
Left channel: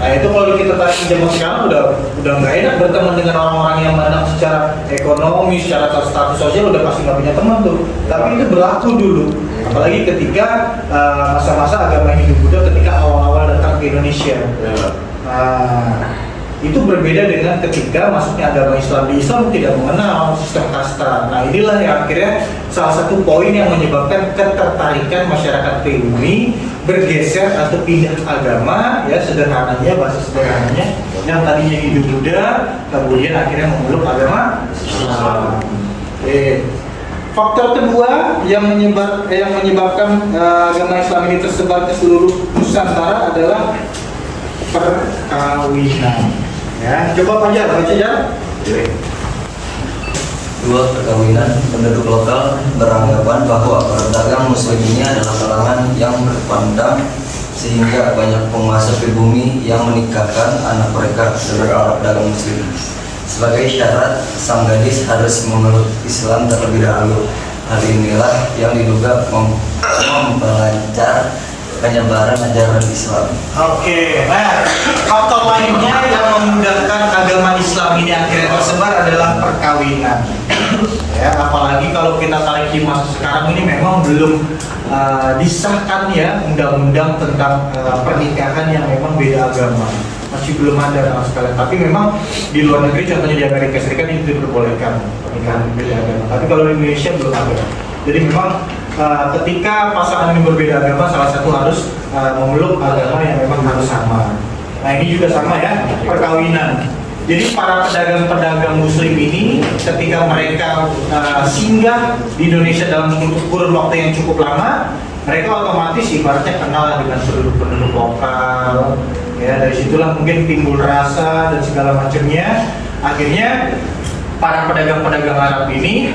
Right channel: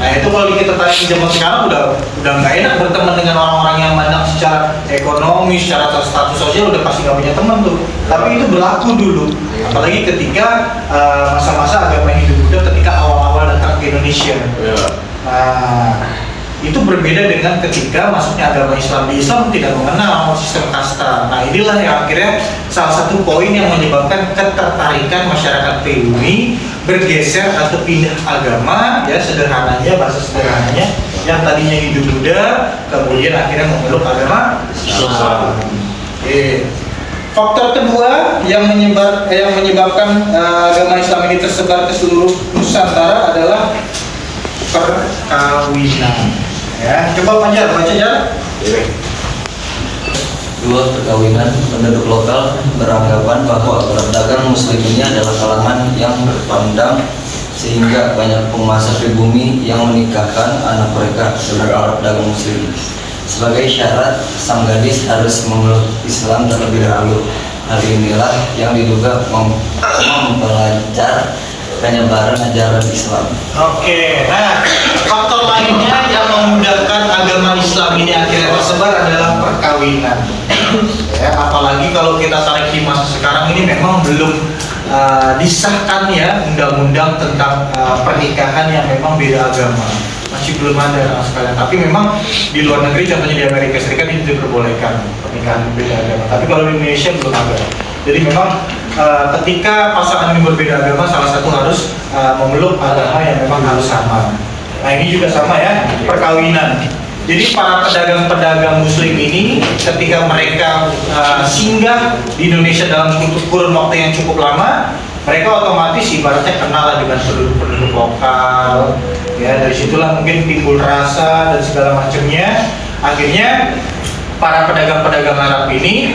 Nah, itu kalau kita tarik ke zaman sekarang udah nggak enak berteman dengan orang-orang yang mandang secara ekonomi, secara status sosial udah pasti nggak punya teman tuh. Tapi itu berlaku dulu, apalagi ketika masa-masa agama Hindu-Buddha ketika awal-awal datang ke Indonesia. Nah, itu berbeda dengan ketika masuknya agama Islam. Di Islam tidak mengenal sistem kasta. Nah, inilah yang akhirnya salah satu poin yang menyebabkan ketertarikan masyarakat pribumi bergeser atau pindah agama, ya, sederhananya, bahasa sederhananya, yang tadinya Hindu-Buddha kemudian akhirnya memeluk agama Islam. Faktor kedua yang menyebabkan agama Islam ini tersebar ke seluruh Nusantara adalah perkawinan. Ya, coba Fajar, baca Jar. Dua, perkawinan. Penduduk lokal beranggapan bahwa pedagang muslim ini adalah kalangan yang berpandang, sehingga banyak penguasa pribumi yang menikahkan anak mereka dengan pedagang muslim. Sebagai syarat, sang gadis harus memeluk Islam terlebih dahulu. Hal inilah yang diduga memperlancar penyebaran ajaran Islam. Oke, nah faktor lainnya yang memudahkan agama Islam ini akhirnya tersebar adalah perkawinan. Ya, apalagi kalau kita tarik di masa sekarang ini memang belum disahkan ya undang-undang tentang pernikahan yang memang beda agama. Masih belum ada sama sekali. Tapi memang di luar negeri, contohnya di Amerika Serikat, ini diperbolehkan pernikahan beda agama. Tapi kalau di Indonesia belum ada. Jadi memang ketika pasangan ini berbeda agama, salah satu harus memeluk agama yang memang harus sama. Nah, ini juga sama ya, perkawinan. Jadi para pedagang-pedagang muslim ini ketika mereka singgah di Indonesia dalam kurun waktu yang cukup lama, mereka otomatis ibaratnya kenal dengan penduduk-penduduk lokal. Ya, dari situlah mungkin timbul rasa dan segala macamnya. Akhirnya para pedagang-pedagang Arab ini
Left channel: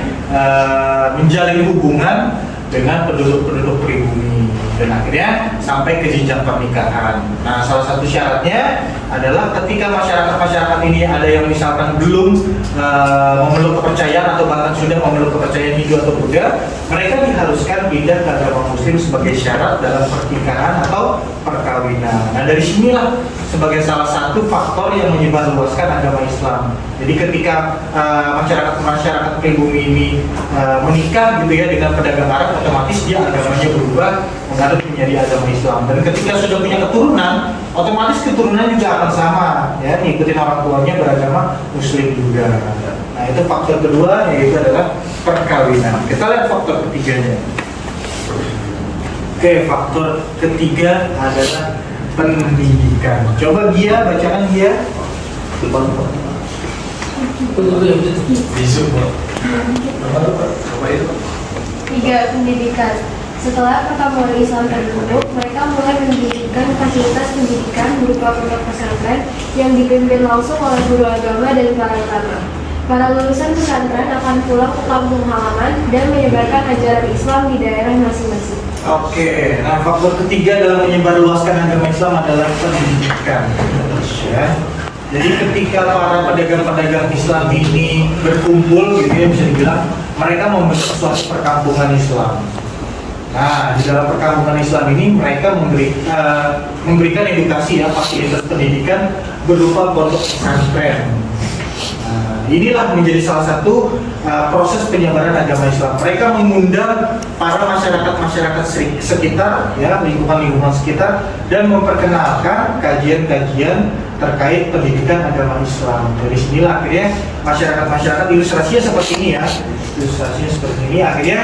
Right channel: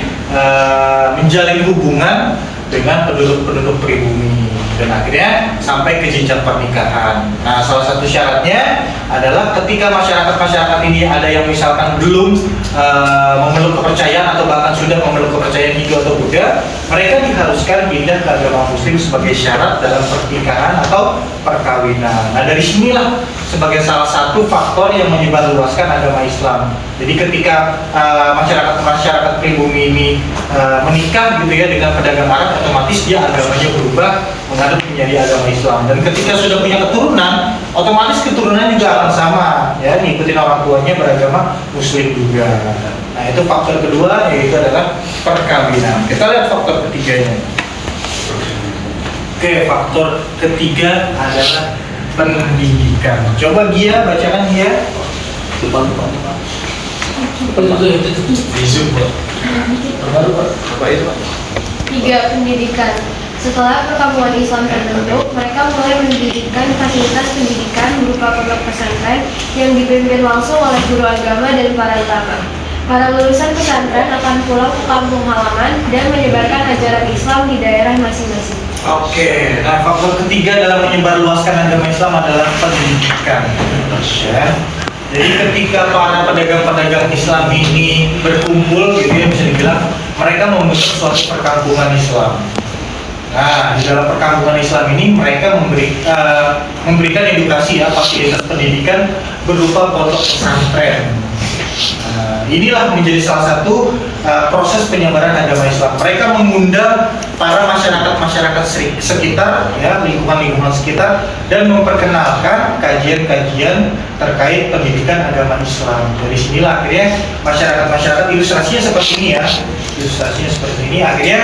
menjalin hubungan dengan penduduk-penduduk pribumi. dan akhirnya sampai ke jenjang pernikahan. Nah, salah satu syaratnya adalah ketika masyarakat ini ada yang misalkan belum memeluk kepercayaan atau bahkan sudah memeluk kepercayaan Hindu atau Buddha, mereka diharuskan pindah ke agama Muslim sebagai syarat dalam pernikahan atau perkawinan. Nah, dari sinilah sebagai salah satu faktor yang menyebarluaskan agama Islam. Jadi ketika masyarakat pribumi ini menikah gitu ya dengan pedagang Arab, otomatis dia agamanya berubah mengadop menjadi agama Islam. Dan ketika sudah punya keturunan, otomatis keturunan juga akan sama, ya, ngikutin orang tuanya beragama Muslim juga. Nah, itu faktor kedua, yaitu adalah perkawinan. Kita lihat faktor ketiganya. Oke, faktor ketiga adalah pendidikan. Coba Gia, bacakan Gia. Tiga, pendidikan. Setelah perkampungan Islam terbentuk, mereka mulai mendirikan fasilitas pendidikan berupa pondok pesantren yang dipimpin langsung oleh guru agama dan para ulama. Para lulusan pesantren akan pulang ke kampung halaman dan menyebarkan ajaran Islam di daerah masing-masing. Oke, nah faktor ketiga dalam menyebarluaskan agama Islam adalah pendidikan. Ya. Jadi ketika para pedagang-pedagang Islam ini berkumpul, gitu ya, bisa dibilang mereka membentuk suatu perkampungan Islam. Nah, di dalam perkampungan Islam ini mereka memberikan edukasi, ya, fasilitas pendidikan berupa pondok pesantren. Inilah menjadi salah satu proses penyebaran agama Islam. Mereka mengundang para masyarakat sekitar, ya, lingkungan sekitar, dan memperkenalkan kajian-kajian terkait pendidikan agama Islam. Dari sinilah akhirnya masyarakat ilustrasinya seperti ini, ya, ilustrasinya seperti ini. Akhirnya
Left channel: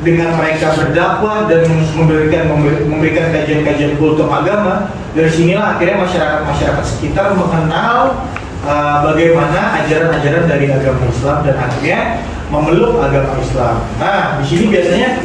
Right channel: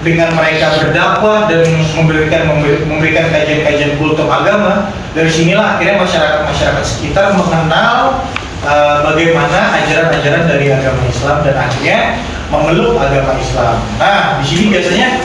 dengan mereka berdakwah dan memberikan kajian-kajian kultum agama, dari sinilah akhirnya masyarakat sekitar mengenal bagaimana ajaran-ajaran dari agama Islam dan akhirnya memeluk agama Islam. Nah, di sini biasanya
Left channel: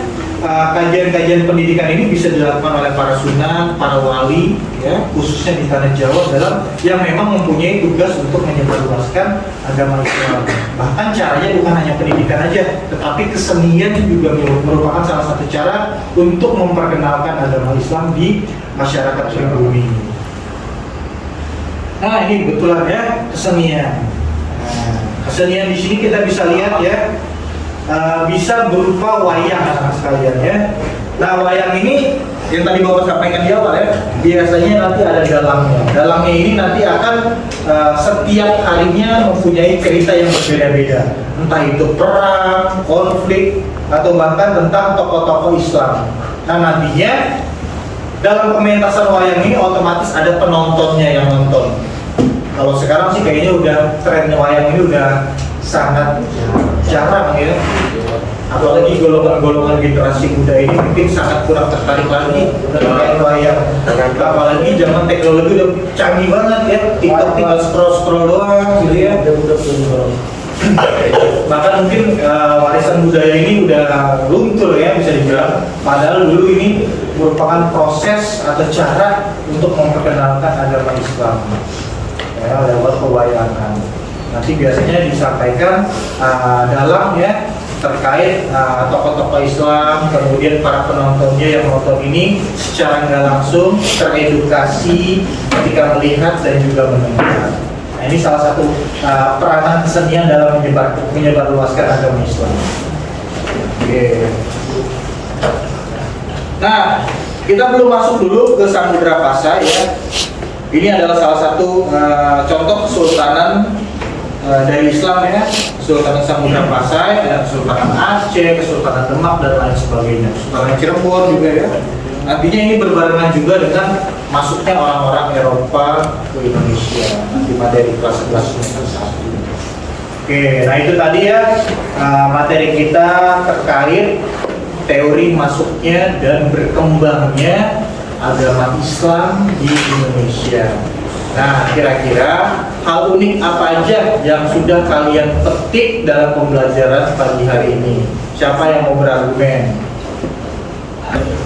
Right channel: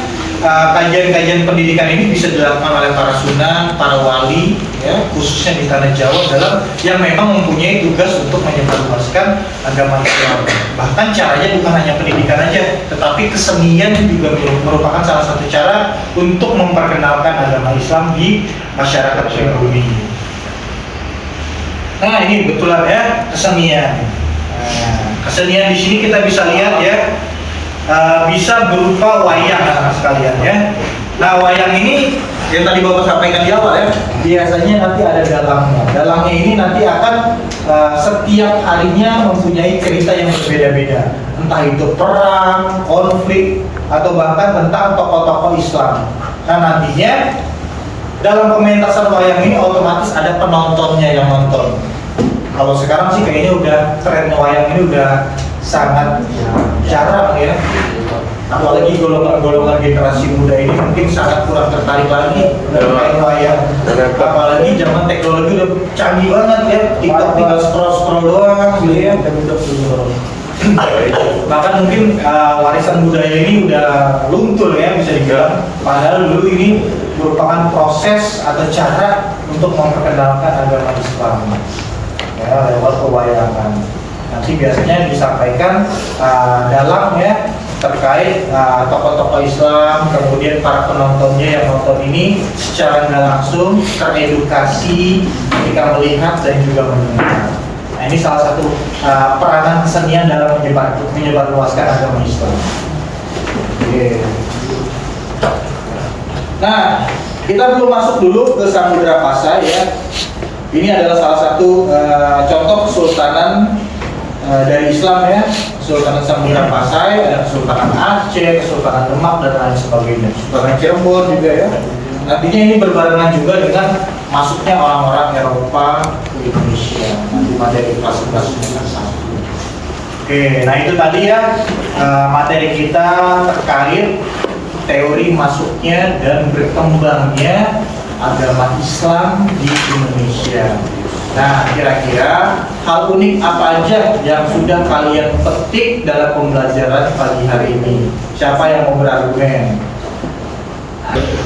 kajian-kajian pendidikan ini bisa dilakukan oleh para sunan, para wali, ya, khususnya di tanah Jawa dalam yang memang mempunyai tugas untuk menyebarluaskan agama Islam. Bahkan caranya bukan hanya pendidikan aja, tetapi kesenian juga merupakan salah satu cara untuk memperkenalkan agama Islam di masyarakat pribumi. Nah, ini betulan, ya, kesenian. Nah, kesenian di sini kita bisa lihat, ya, bisa berupa wayang, anak sekalian, ya. Nah, wayang ini yang tadi Bapak sampaikan di awal, ya, biasanya nanti ada dalangnya. Dalangnya ini nanti akan setiap harinya mempunyai cerita yang berbeda-beda, entah itu perang, konflik, atau bahkan tentang tokoh-tokoh Islam. Nah, nantinya dalam pementasan wayang ini otomatis ada penontonnya yang nonton. Kalau sekarang sih kayaknya udah trennya wayang ini udah sangat jarang, ya. Apalagi golongan generasi muda ini mungkin sangat kurang tertarik lagi dengan wayang. Apalagi zaman teknologi udah canggih banget, ya. TikTok tinggal scroll doang, gitu, ya. Bahkan mungkin warisan budaya ini udah luntur, ya, bisa dibilang. Padahal dulu ini merupakan proses atau cara untuk memperkenalkan agama Islam, ya, lewat pewayangan. Nanti biasanya disampaikan dalam, ya, terkait tokoh-tokoh Islam, kemudian para penontonnya yang nonton ini secara nggak langsung teredukasi ketika melihat dan juga mendengar. Nah, ini salah satu peranan kesenian dalam menyebarluaskan agama Islam. Oke. Nah, kita belum masuk dulu ke Samudra Pasai, ya. Ini adalah salah satu contoh kesultanan dari Islam, ya. Kesultanan Samudra Pasai, ada Kesultanan Aceh, Kesultanan Demak, dan lain sebagainya. Kesultanan Cirebon juga, ya. Nantinya ini berbarengan juga dengan masuknya orang-orang Eropa ke Indonesia di materi kelas 11 semester 1. Oke, nah itu tadi, ya, materi kita terkait teori masuknya dan berkembangnya agama Islam di Indonesia. Nah, kira-kira hal unik apa aja yang sudah kalian petik dalam pembelajaran pagi hari ini? Siapa yang mau berargumen?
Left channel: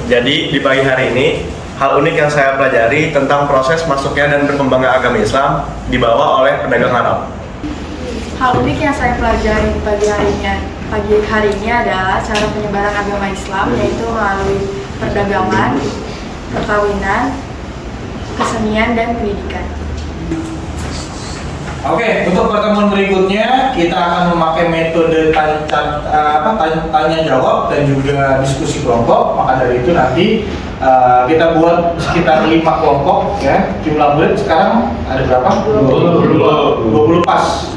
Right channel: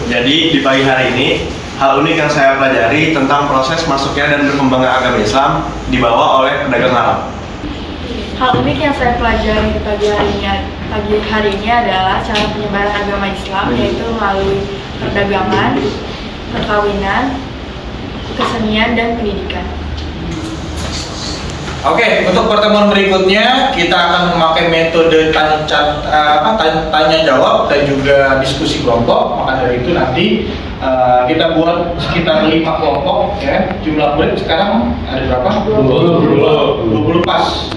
Jadi di pagi hari ini, hal unik yang saya pelajari tentang proses masuknya dan berkembangnya agama Islam dibawa oleh pedagang Arab. Hal unik yang saya pelajari di pagi hari ini adalah cara penyebaran agama Islam, yaitu melalui perdagangan, perkawinan, kesenian, dan pendidikan. Oke, untuk pertemuan berikutnya kita akan memakai metode tanya jawab dan juga diskusi kelompok. Maka dari itu nanti kita buat sekitar 5 kelompok ya. Jumlah murid sekarang ada berapa? 20 pas.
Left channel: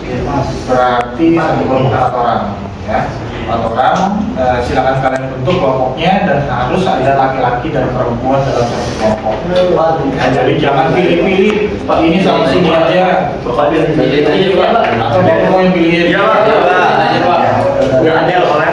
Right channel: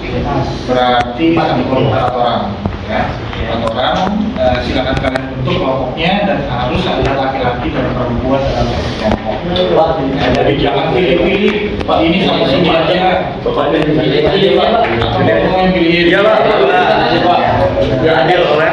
Berarti satu kelompok 4 orang ya. 4 orang, silakan kalian bentuk kelompoknya dan harus ada laki-laki dan perempuan dalam satu kelompok. Nah, jadi jangan pilih-pilih, Pak ini sama sini aja. Bapak pilih aja Pak. Atau Bapak mau yang pilih aja Pak. Biar adil ya.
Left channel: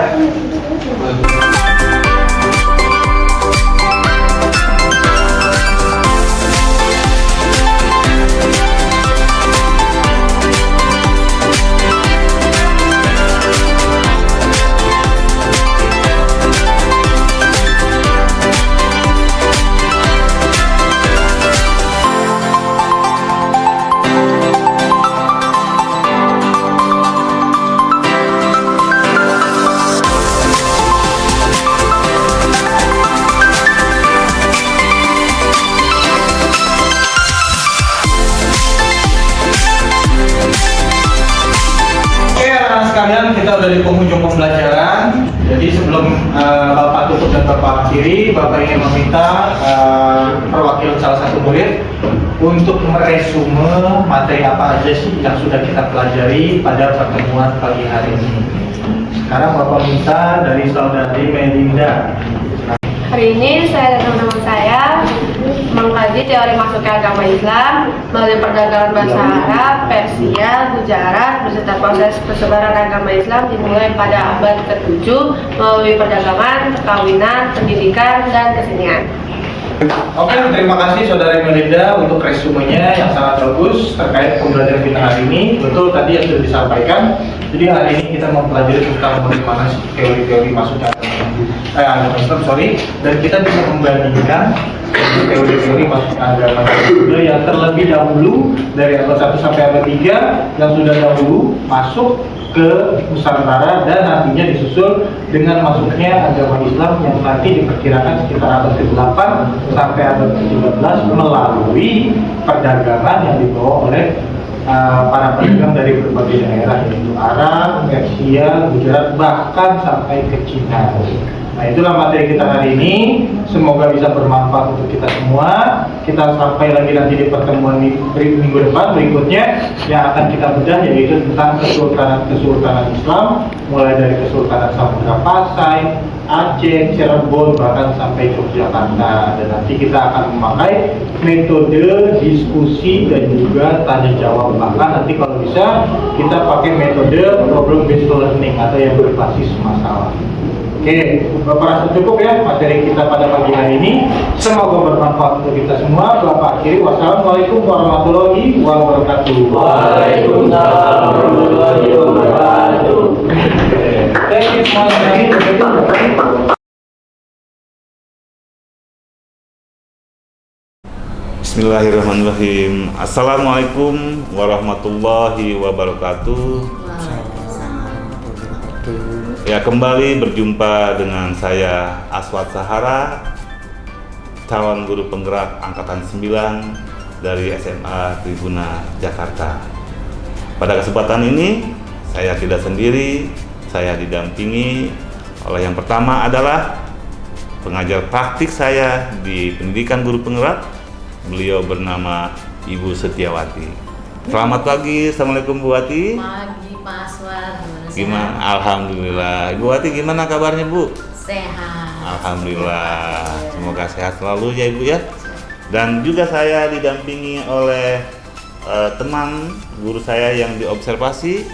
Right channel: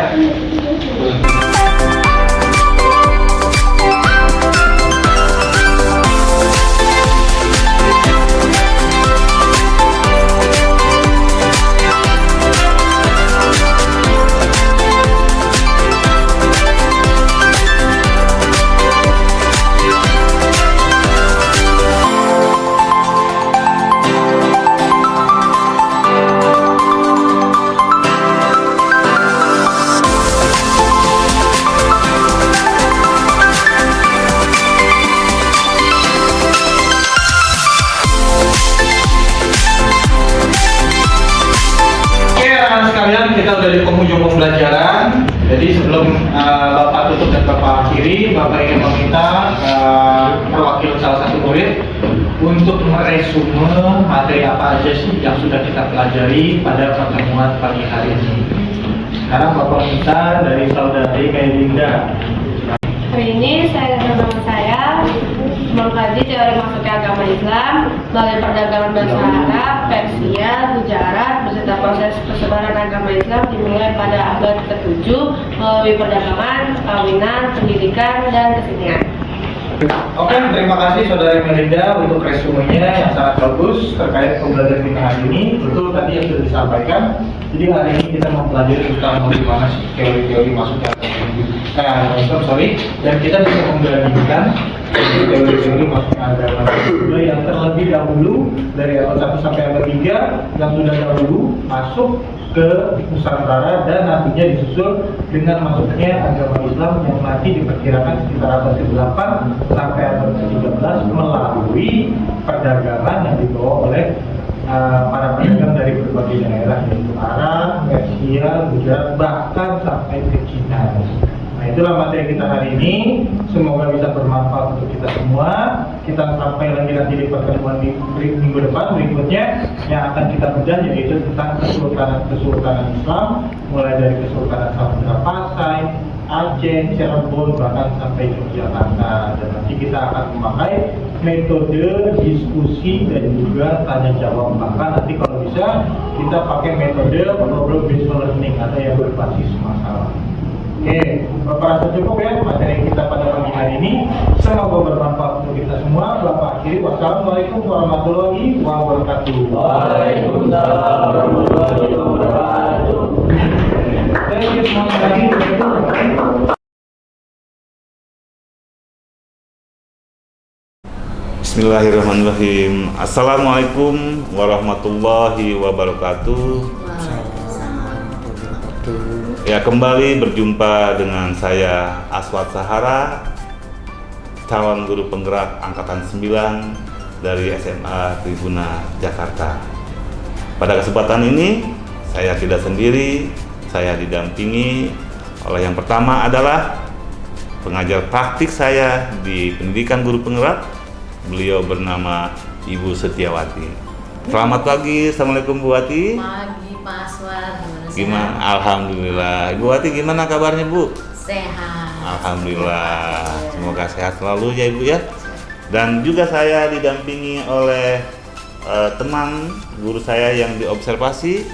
Kita udah di penghujung pembelajaran. Jadi sebelum Bapak tutup dan Bapak akhiri, Bapak ingin meminta perwakilan salah satu murid untuk meresume materi apa aja sih yang sudah kita pelajari pada pertemuan pagi hari ini. Sekarang Bapak minta dari Saudari Melinda. Hari ini saya dan teman-teman saya mengkaji teori masuknya agama Islam melalui perdagangan bahasa Arab, Persia, Gujarat beserta proses persebaran agama Islam dimulai pada abad ke-7 melalui perdagangan, perkawinan, pendidikan, dan kesenian. Oke, terima kasih Saudari Melinda untuk resumenya yang sangat bagus terkait pembelajaran kita hari ini. Betul tadi yang sudah disampaikan. Jadi hari ini kita mempelajari tentang bagaimana teori-teori masuknya agama Islam, dan kita bisa membandingkan teori-teori masuknya agama Islam yang terlebih dahulu dari abad 1 sampai abad 3 yang sudah dahulu masuk ke Nusantara dan nantinya disusul dengan masuknya agama Islam yang nanti diperkirakan sekitar abad ke-8 sampai abad ke-13 melalui perdagangan yang dibawa oleh para pedagang dari berbagai daerah yaitu Arab, Persia, Gujarat, bahkan sampai ke Cina. Nah, itulah materi kita hari ini. Semoga bisa bermanfaat untuk kita semua. Kita sampai lagi nanti di pertemuan minggu depan berikutnya yang akan kita bedah, yaitu tentang kesultanan Islam, mulai dari Kesultanan Samudra Pasai, Aceh, Cirebon, bahkan sampai Yogyakarta. Dan nanti kita akan memakai metode diskusi dan juga tanya jawab. Bahkan nanti kalau bisa kita pakai metode problem based learning atau yang berbasis masalah. Oke, Bapak rasa cukup ya materi kita pada pagi hari ini. Semoga bermanfaat untuk kita semua. Bapak akhiri, wassalamualaikum warahmatullahi wabarakatuh. Waalaikumsalam warahmatullahi wabarakatuh. Thank you semuanya. Bismillahirrahmanirrahim. Assalamualaikum warahmatullahi wabarakatuh. Ya, kembali berjumpa dengan saya Aswad Sahara, calon guru penggerak angkatan 9 dari SMA Tribuna Jakarta. Pada kesempatan ini saya tidak sendiri, saya didampingi oleh yang pertama adalah pengajar praktik saya di pendidikan guru penggerak. Beliau bernama Ibu Setiawati. Selamat pagi, Assalamualaikum Bu Wati. Pagi Pak Aswad. Gimana? Alhamdulillah. Ibu Wati gimana kabarnya Bu? Sehat. Alhamdulillah. Semoga sehat selalu ya Ibu ya. Dan juga saya didampingi oleh teman guru saya yang diobservasi.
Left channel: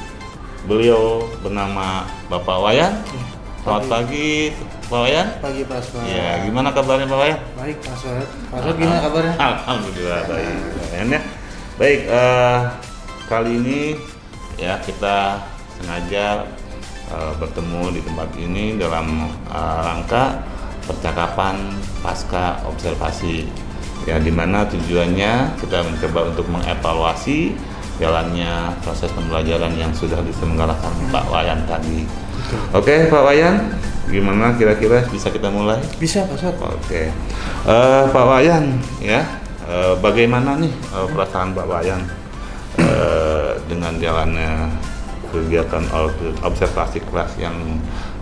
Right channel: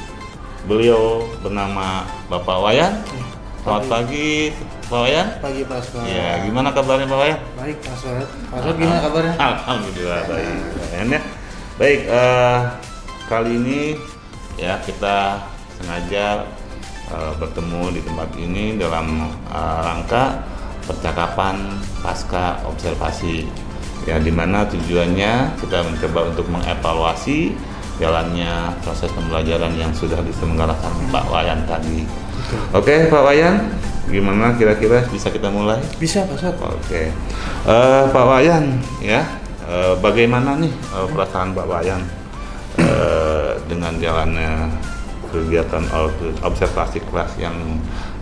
Beliau bernama Bapak Wayan. Selamat pagi Pak Wayan. Pagi Pak Aswad. Ya, gimana kabarnya Pak Wayan? Baik Pak Aswad. Pak Aswad gimana kabarnya? Alhamdulillah baik. Ya. Baik, kali ini ya kita sengaja bertemu di tempat ini dalam rangka percakapan pasca observasi. Ya, di mana tujuannya kita mencoba untuk mengevaluasi jalannya proses pembelajaran yang sudah diselenggarakan Pak Wayan tadi. Oke, Pak Wayan, gimana kira-kira bisa kita mulai? Bisa Pak Ustadz. Oke. Pak Wayan ya, bagaimana nih perasaan Pak Wayan dengan jalannya kegiatan observasi kelas yang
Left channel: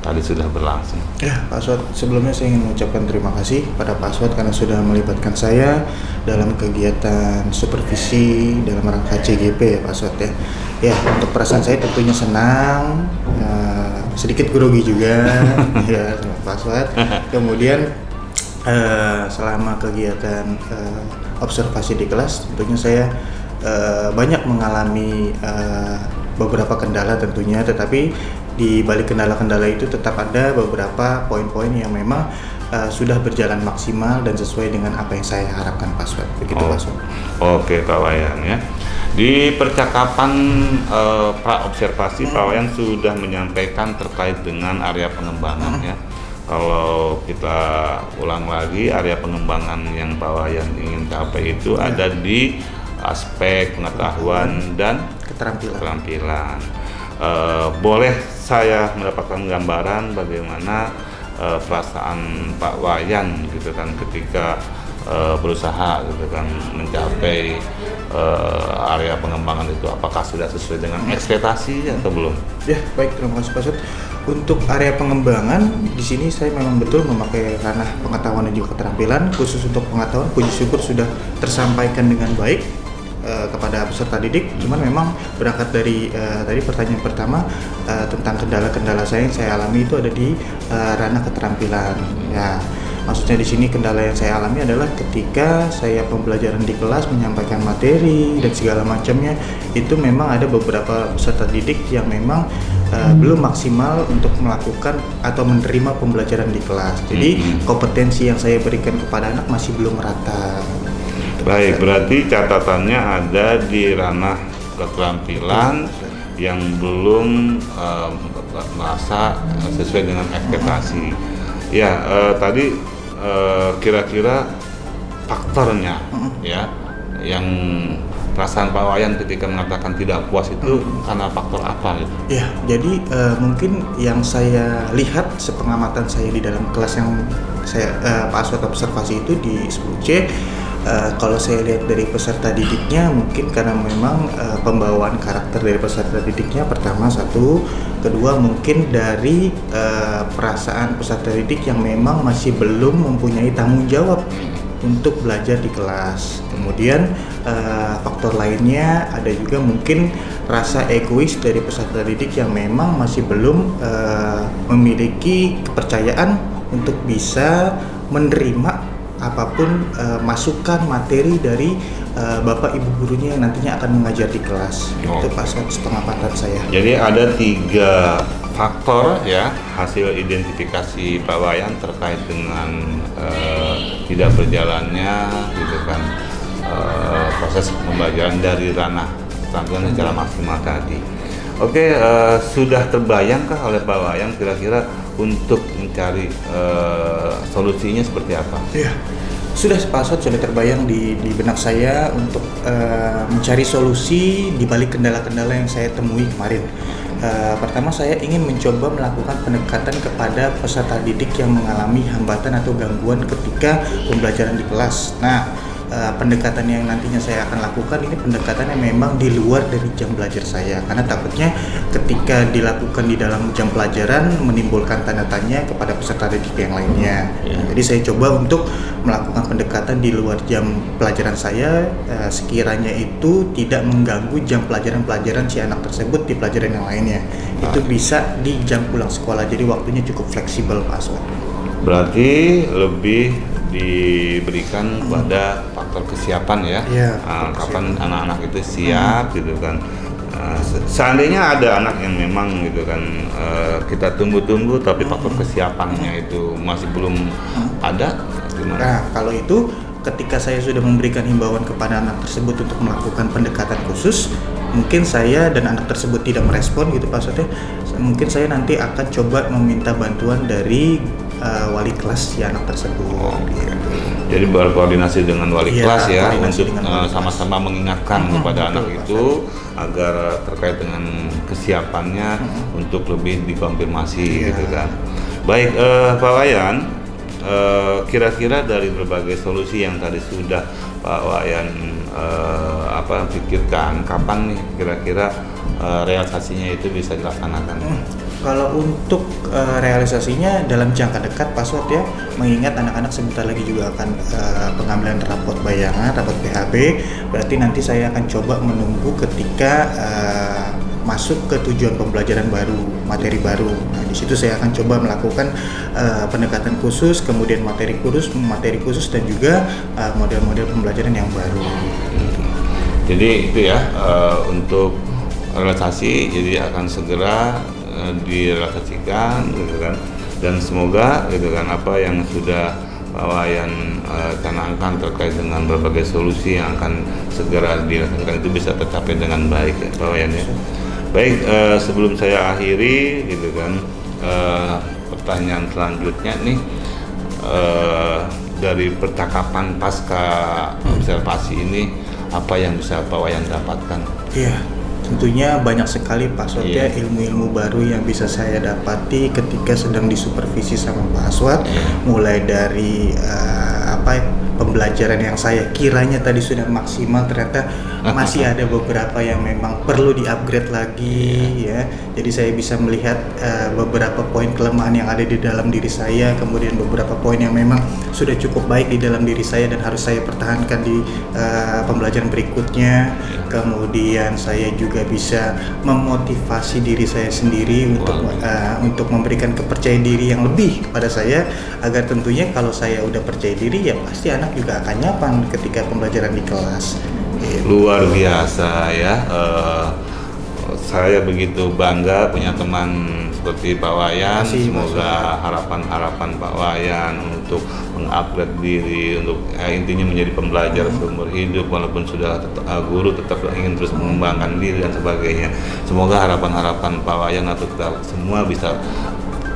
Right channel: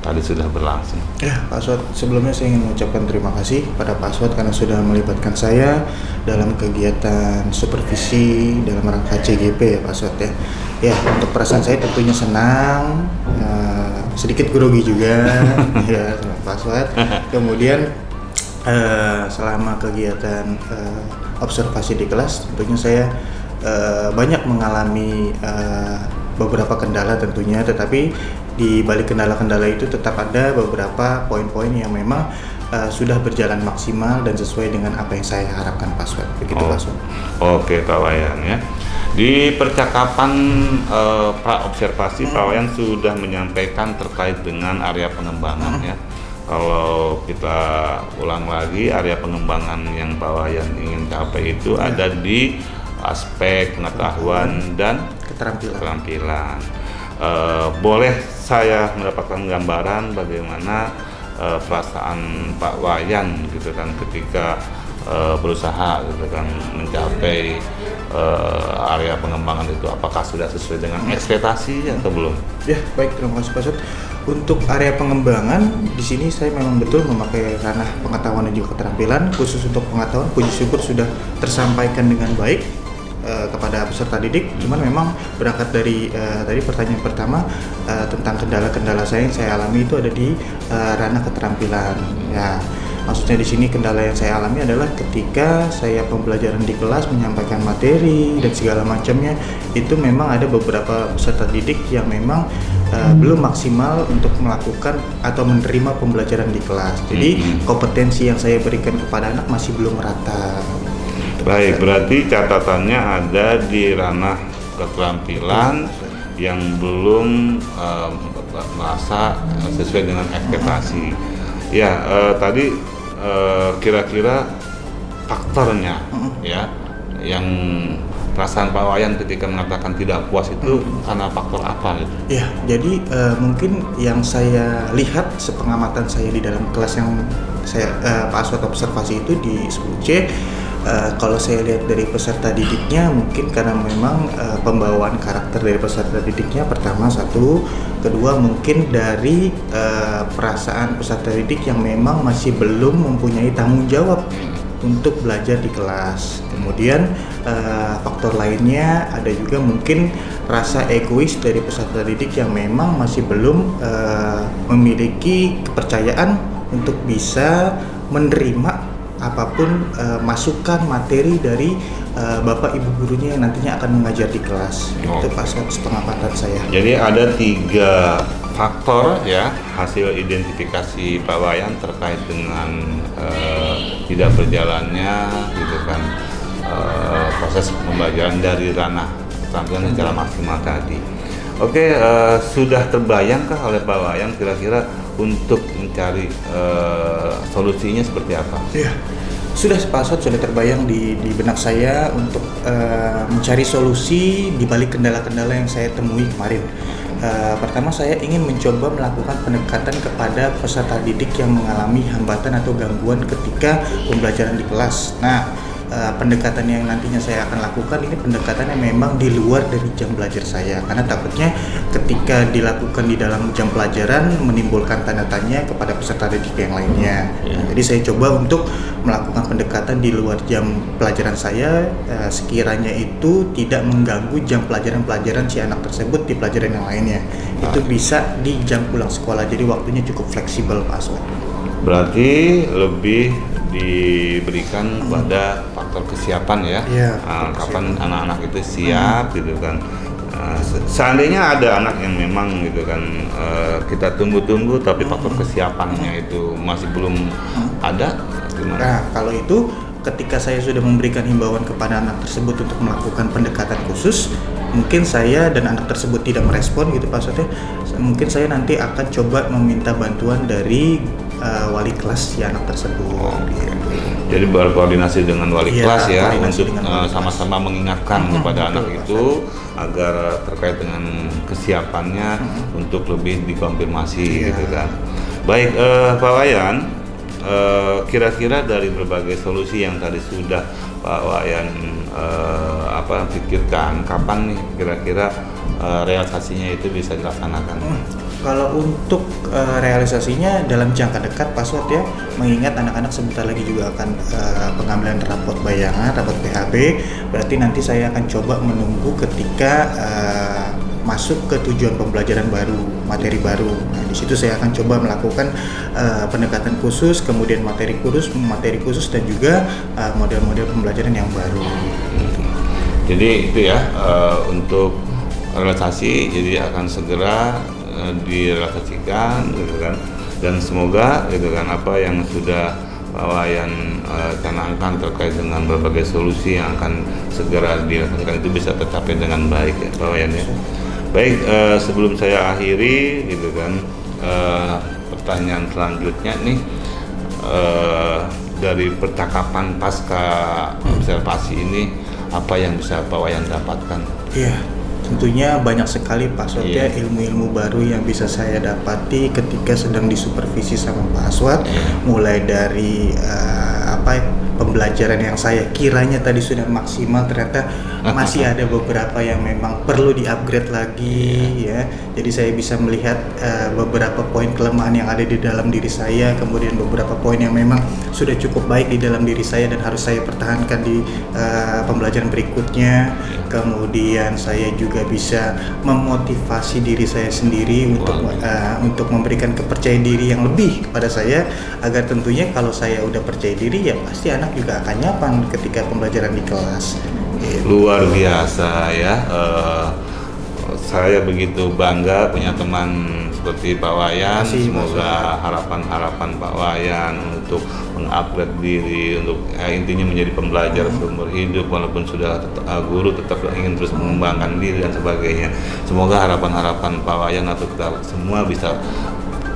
tadi sudah berlangsung? Ya, Pak Aswad, sebelumnya saya ingin mengucapkan terima kasih pada Pak Aswad karena sudah melibatkan saya dalam kegiatan supervisi dalam rangka CGP ya Pak Aswad ya. Ya, untuk perasaan saya tentunya senang, sedikit grogi juga ya Pak Aswad. Kemudian selama kegiatan observasi di kelas tentunya saya banyak mengalami beberapa kendala tentunya, tetapi di balik kendala-kendala itu tetap ada beberapa poin-poin yang memang sudah berjalan maksimal dan sesuai dengan apa yang saya harapkan Pak Aswad. Begitu Pak Aswad. Oke Pak Wayan ya. Di percakapan pra-observasi Pak Wayan sudah menyampaikan terkait dengan area pengembangan ya. Kalau kita ulang lagi, area pengembangan yang Pak Wayan ingin capai itu ada di aspek pengetahuan dan keterampilan. Boleh saya mendapatkan gambaran bagaimana perasaan Pak Wayan gitu kan ketika berusaha gitu kan mencapai area pengembangan itu, apakah sudah sesuai dengan ekspektasi atau belum? Ya, baik, terima kasih Pak Aswad. Untuk area pengembangan di sini saya memang betul memakai ranah pengetahuan dan juga keterampilan. Khusus untuk pengetahuan, puji syukur sudah tersampaikan dengan baik kepada peserta didik. Cuman memang berangkat dari tadi pertanyaan pertama tentang kendala-kendala yang saya alami itu ada di ranah keterampilan. Ya, maksudnya di sini kendala yang saya alami adalah ketika saya pembelajaran di kelas menyampaikan materi dan segala macamnya, itu memang ada beberapa peserta didik yang memang belum maksimal untuk melakukan atau menerima pembelajaran di kelas. Jadi kompetensi yang saya berikan kepada anak masih belum merata. Baik, berarti catatannya ada di ranah keterampilan yang belum merasa sesuai dengan ekspektasi. Ya, tadi kira-kira faktornya ya yang perasaan Pak Wayan ketika mengatakan tidak puas itu karena faktor apa gitu? Ya, jadi mungkin yang saya lihat sepengamatan saya di dalam kelas yang saya Pak Aswad observasi itu di 10C, kalau saya lihat dari peserta didiknya mungkin karena memang pembawaan karakter dari peserta didiknya pertama satu, kedua mungkin dari perasaan peserta didik yang memang masih belum mempunyai tanggung jawab untuk belajar di kelas. Kemudian faktor lainnya ada juga mungkin rasa egois dari peserta didik yang memang masih belum memiliki kepercayaan untuk bisa menerima apapun masukan materi dari bapak ibu gurunya yang nantinya akan mengajar di kelas. Itu pas pengamatan saya. Jadi ada 3 faktor ya hasil identifikasi Pak Wayan terkait dengan tidak berjalannya gitu kan proses pembelajaran dari ranah keterampilan secara maksimal tadi. Oke, sudah terbayangkah oleh Pak Wayan kira-kira untuk mencari solusinya seperti apa? Iya, sudah Pak Aswad, sudah terbayang di benak saya untuk mencari solusi di balik kendala-kendala yang saya temui kemarin. Pertama, saya ingin mencoba melakukan pendekatan kepada peserta didik yang mengalami hambatan atau gangguan ketika pembelajaran di kelas. Nah, pendekatan yang nantinya saya akan lakukan ini pendekatan yang memang di luar dari jam belajar saya, karena takutnya ketika dilakukan di dalam jam pelajaran menimbulkan tanda tanya kepada peserta didik yang lainnya. Jadi saya coba untuk melakukan pendekatan di luar jam pelajaran saya, sekiranya itu tidak mengganggu jam pelajaran-pelajaran si anak tersebut di pelajaran yang lainnya. Itu bisa di jam pulang sekolah, jadi waktunya cukup fleksibel Pak Aswad. Berarti lebih diberikan pada faktor kesiapan ya, kapan anak-anak itu siap gitu kan. Seandainya ada anak yang memang gitu kan kita tunggu-tunggu tapi faktor kesiapannya itu masih belum ada, gimana? Nah, kalau itu ketika saya sudah memberikan himbauan kepada anak tersebut untuk melakukan pendekatan khusus, mungkin saya dan anak tersebut tidak merespon gitu Pak Aswad, mungkin saya nanti akan coba meminta bantuan dari wali kelas si anak tersebut. Gitu. Jadi berkoordinasi dengan wali kelas ya untuk sama-sama mengingatkan kepada anak itu agar terkait dengan kesiapannya untuk lebih dikonfirmasi gitu kan. Baik, Pak Wayan, kira-kira dari berbagai solusi yang tadi sudah Pak Wayan pikirkan, kapan nih kira-kira realisasinya itu bisa dilaksanakan? Kalau untuk realisasinya dalam jangka dekat Pak Aswad ya, mengingat anak-anak sebentar lagi juga akan pengambilan rapot bayangan, rapot PHB, berarti nanti saya akan coba menunggu ketika masuk ke tujuan pembelajaran baru, materi baru. Nah, di situ saya akan coba melakukan pendekatan khusus, kemudian materi khusus dan juga model-model pembelajaran yang baru. Jadi itu ya untuk realisasi, jadi akan segera direalisasikan gitu kan, dan semoga gitu kan apa yang sudah Pak Wayan canangkan terkait dengan berbagai solusi yang akan segera dilaksanakan itu bisa tercapai dengan baik ya Pak Wayan ya. Baik, sebelum saya akhiri gitu kan, pertanyaan selanjutnya nih, dari percakapan pasca observasi ini apa yang bisa Pak Wayan dapatkan? Iya, tentunya banyak sekali Pak Aswad ya ilmu-ilmu baru yang bisa saya dapati ketika sedang disupervisi sama Pak Aswad, mulai dari pembelajaran yang saya kiranya tadi sudah maksimal, ternyata masih ada beberapa yang memang perlu di-upgrade lagi ya. Jadi saya bisa melihat beberapa poin kelemahan yang ada di dalam diri saya, kemudian beberapa poin yang memang sudah cukup baik di dalam diri saya dan harus saya pertahankan di pembelajaran berikutnya. Kemudian saya juga bisa memotivasi diri saya sendiri untuk memberikan kepercayaan diri yang lebih kepada saya, agar tentunya kalau saya udah percaya diri ya pasti anak juga akan nyaman ketika pembelajaran di kelas. Luar biasa ya, saya begitu bangga punya teman seperti Pak Wayan. Semoga harapan-harapan Pak Wayan untuk mengupgrade diri, untuk intinya menjadi pembelajar seumur hidup, walaupun sudah guru tetap ingin terus mengembangkan diri dan sebagainya. Semoga harapan-harapan Pak Wayan atau kita semua bisa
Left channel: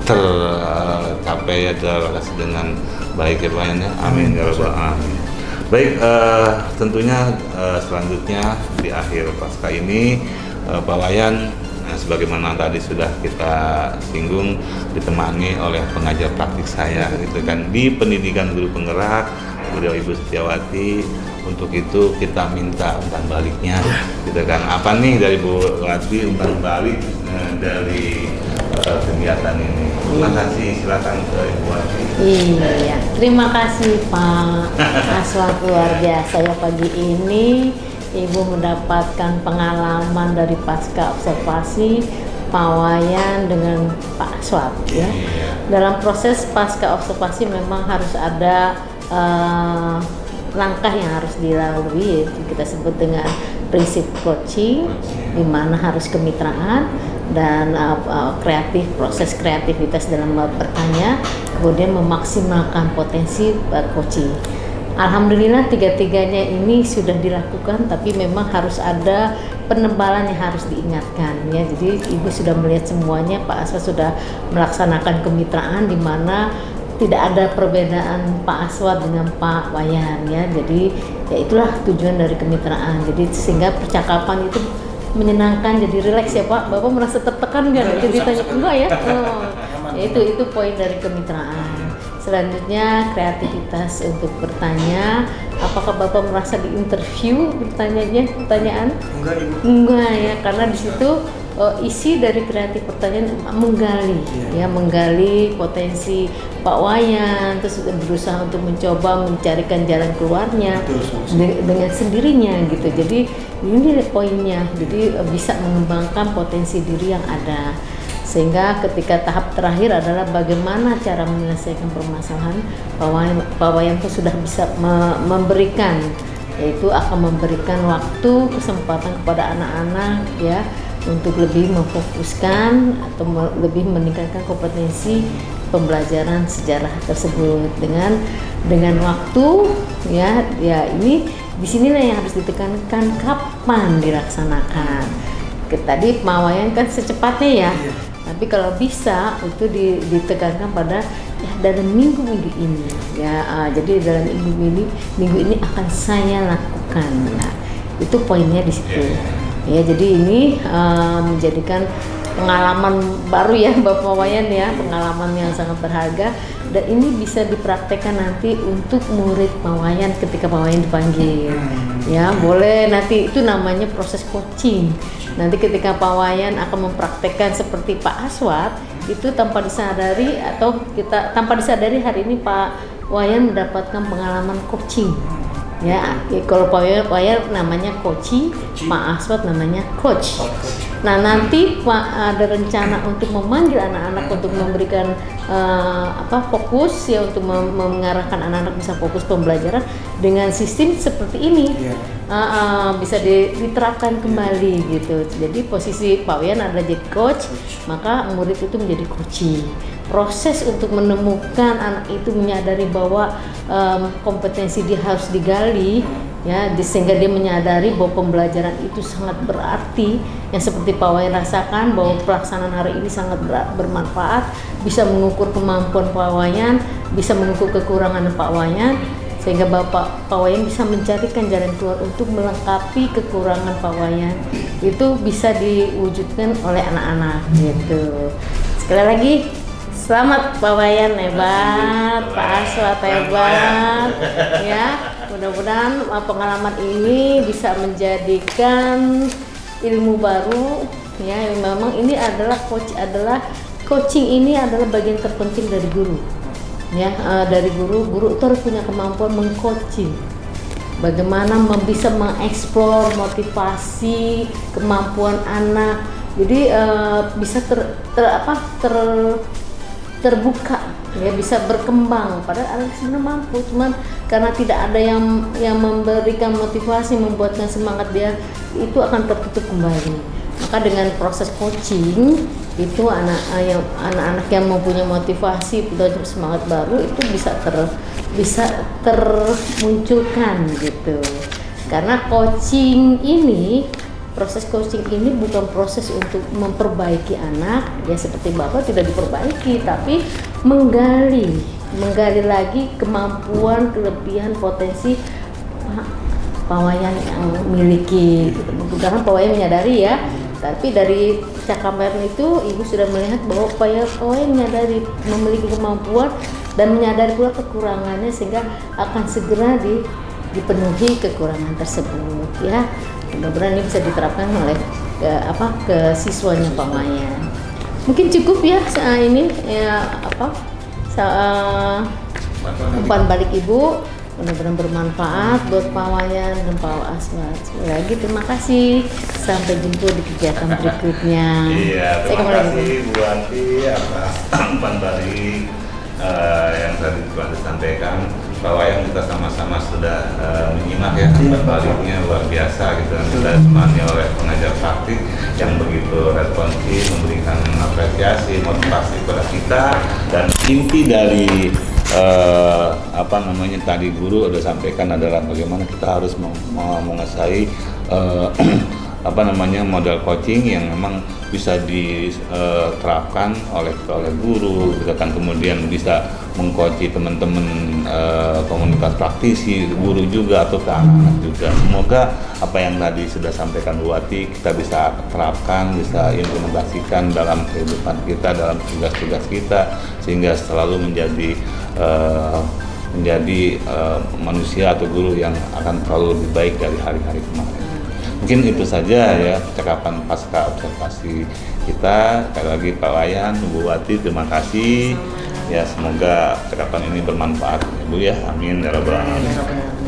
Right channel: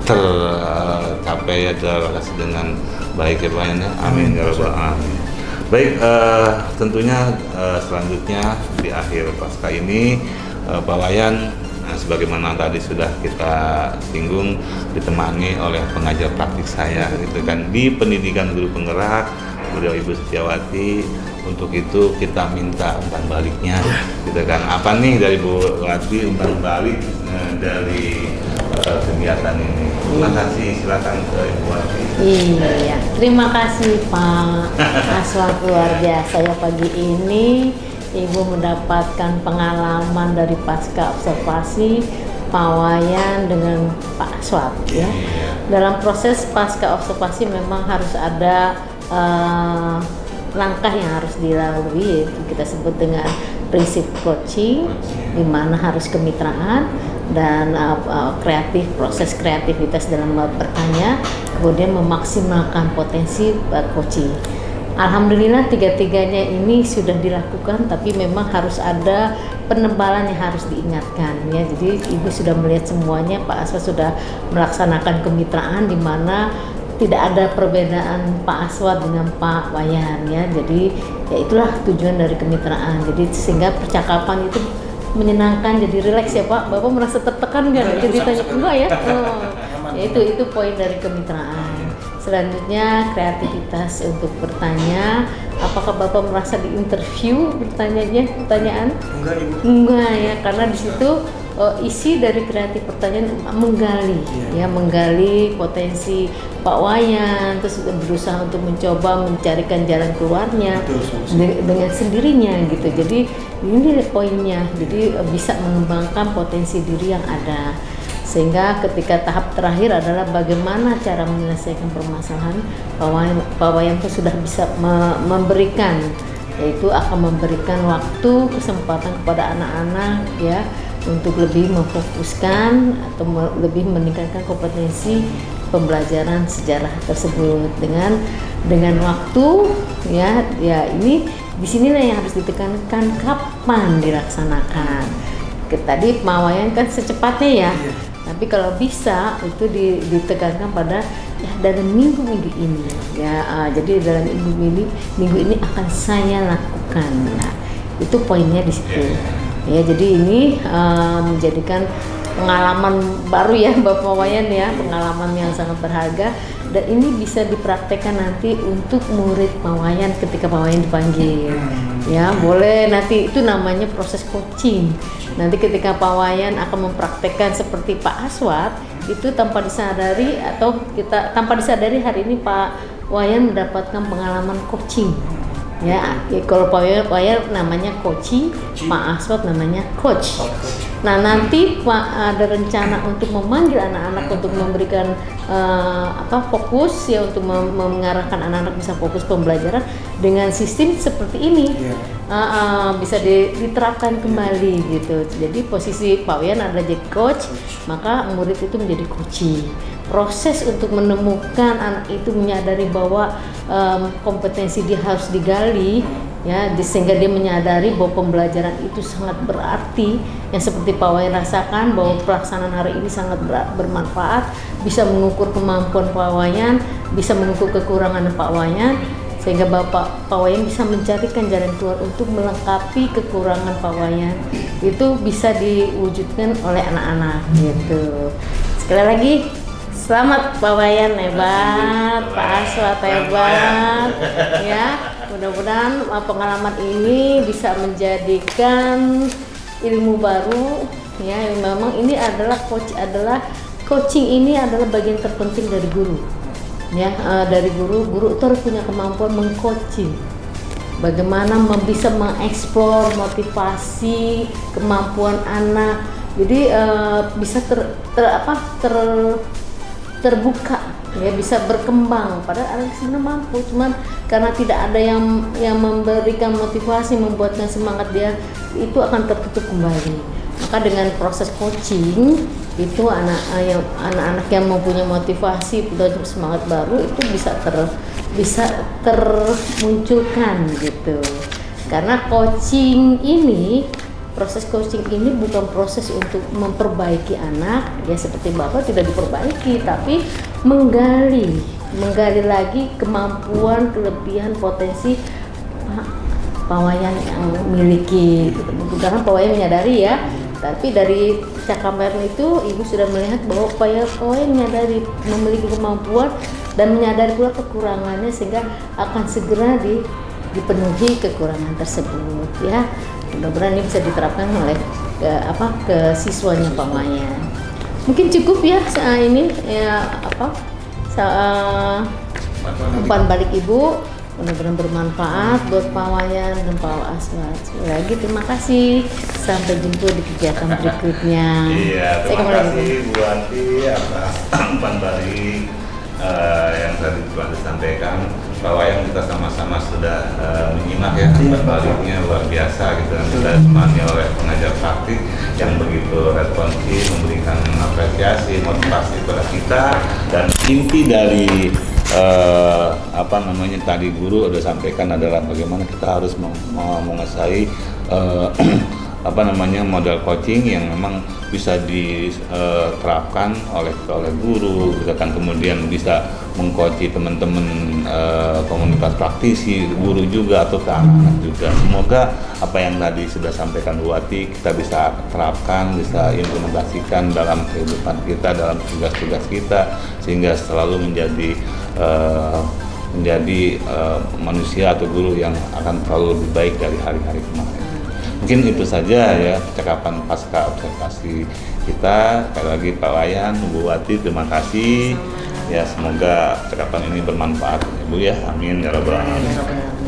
tercapai ya, terrealisasi dengan baik ya Pak Wayan ya. Amin ya rabbal alamin. Baik, tentunya selanjutnya di akhir pasca ini Pak Wayan sebagaimana tadi sudah kita singgung ditemani oleh pengajar praktik saya gitu kan di pendidikan guru penggerak, beliau Ibu Setiawati. Untuk itu kita minta umpan baliknya gitu kan. Apa nih dari Bu Wati umpan balik dari kegiatan ini? Terima kasih, silakan ke Ibu Wati. Iya, terima kasih Pak Aswad, luar biasa ya pagi ini Ibu mendapatkan pengalaman dari pasca observasi Pak Wayan dengan Pak Aswad ya. Dalam proses pasca observasi memang harus ada langkah yang harus dilalui, yaitu kita sebut dengan prinsip coaching, di mana harus kemitraan dan proses kreativitas dalam bertanya, kemudian memaksimalkan potensi coaching. Alhamdulillah tiga-tiganya ini sudah dilakukan, tapi memang harus ada penebalan yang harus diingatkan ya. Jadi Ibu sudah melihat semuanya, Pak Aswad sudah melaksanakan kemitraan di mana tidak ada perbedaan Pak Aswad dengan Pak Wayan ya. Jadi ya itulah tujuan dari kemitraan. Jadi sehingga percakapan itu menyenangkan, jadi rileks ya Pak. Bapak merasa tertekan nggak? Jadi tanya enggak ya? Ya itu poin dari kemitraan. Selanjutnya kreativitas untuk bertanya. Apakah Bapak merasa diinterview pertanyaan? Enggak Ibu. Enggak ya, karena di situ isi dari kreatif pertanyaan menggali potensi Pak Wayan, terus berusaha untuk mencoba mencarikan jalan keluarnya dengan sendirinya gitu. Jadi ini poinnya, jadi bisa mengembangkan potensi diri yang ada. Sehingga ketika tahap terakhir adalah bagaimana cara menyelesaikan permasalahan, Pak Wayan pun sudah bisa memberikan, yaitu akan memberikan waktu kesempatan kepada anak-anak ya untuk lebih memfokuskan atau lebih meningkatkan kompetensi pembelajaran sejarah tersebut dengan waktu ya ini disinilah yang harus ditekankan kapan dilaksanakan. Tadi Pak Wayan kan secepatnya ya. Tapi kalau bisa itu ditekankan pada ya dalam minggu ini ya, jadi dalam minggu ini akan saya lakukan. Nah, itu poinnya di situ. Ya, jadi ini menjadikan pengalaman baru ya Bapak Wayan ya, pengalaman yang sangat berharga, dan ini bisa dipraktekkan nanti untuk murid Pak Wayan ketika Pak Wayan dipanggil. Ya, boleh nanti itu namanya proses coaching. Nanti ketika Pak Wayan akan mempraktekkan seperti Pak Aswad, itu tanpa disadari tanpa disadari hari ini Pak Wayan mendapatkan pengalaman coaching. Ya, kalau Pak Wayan namanya coaching, Pak Aswad namanya coach. Nah, nanti Pak ada rencana untuk memanggil anak-anak untuk memberikan fokus ya, untuk mengarahkan anak-anak bisa fokus pembelajaran dengan sistem seperti ini. Bisa diterapkan kembali gitu. Jadi posisi Pak Wayan adalah jadi coach, maka murid itu menjadi coaching. Proses untuk menemukan anak itu menyadari bahwa kompetensi dia harus digali ya, sehingga dia menyadari bahwa pembelajaran itu sangat berarti, yang seperti Pak Wayan rasakan bahwa pelaksanaan hari ini sangat bermanfaat, bisa mengukur kemampuan Pak Wayan, bisa mengukur kekurangan Pak Wayan, sehingga Pak Wayan bisa mencarikan jalan keluar untuk melengkapi kekurangan Pak Wayan. Itu bisa diwujudkan oleh anak-anak gitu. Sekali lagi selamat Pak Wayan, hebat, Pak Aswad hebat ya. Mudah-mudahan pengalaman ini bisa menjadikan ilmu baru ya. Memang ini adalah coaching ini adalah bagian terpenting dari guru ya. Dari guru itu harus punya kemampuan mengcoaching, bagaimana bisa mengeksplor motivasi kemampuan anak. Jadi bisa terbuka ya, bisa berkembang, padahal anak sebenarnya mampu, cuman karena tidak ada yang memberikan motivasi, membuatkan semangat, dia itu akan tertutup kembali. Maka dengan proses coaching itu anak-anak yang mempunyai motivasi dan semangat baru itu bisa termunculkan gitu. Karena proses coaching ini bukan proses untuk memperbaiki anak ya, seperti Bapak tidak diperbaiki, tapi menggali lagi kemampuan, kelebihan, potensi Pak Wayan yang miliki. Mudah-mudahan Pak Wayan menyadari ya. Tapi dari cakapan itu Ibu sudah melihat bahwa Pak Wayan menyadari, memiliki kemampuan dan menyadari pula kekurangannya, sehingga akan segera dipenuhi kekurangan tersebut ya. Mudah-mudahan ini bisa diterapkan oleh ke siswanya Pak Wayan. Mungkin cukup ya ini ya umpan balik Ibu, mudah-mudahan bermanfaat buat Pak Wayan dan Pak Aswad. Sekali lagi terima kasih, sampai jumpa di kegiatan berikutnya. Iya, terima kasih Bu Ati atas umpan balik yang tadi telah disampaikan. Pak Wayan, kita sama-sama sudah menyimak ya umpan baliknya luar biasa gitu, dan kita ditemani oleh pengajar praktik yang begitu responsif, memberikan apresiasi, motivasi kepada kita. Dan inti dari tadi guru udah sampaikan adalah bagaimana kita harus menguasai model coaching yang memang bisa diterapkan oleh guru, kita kan kemudian bisa mengcoachi teman-teman komunitas praktisi, guru juga atau ke anak-anak juga. Semoga apa yang tadi sudah sampaikan Bu Wati kita bisa terapkan, bisa implementasikan dalam kehidupan kita, dalam tugas-tugas kita, sehingga selalu menjadi manusia atau guru yang akan selalu lebih baik dari hari-hari kemarin. Mungkin itu saja ya percakapan pasca observasi kita. Sekali lagi Pak Wayan, Bu Wati, terima kasih. Ya, semoga percakapan ini bermanfaat ya Bu ya. Amin ya rabbal alamin.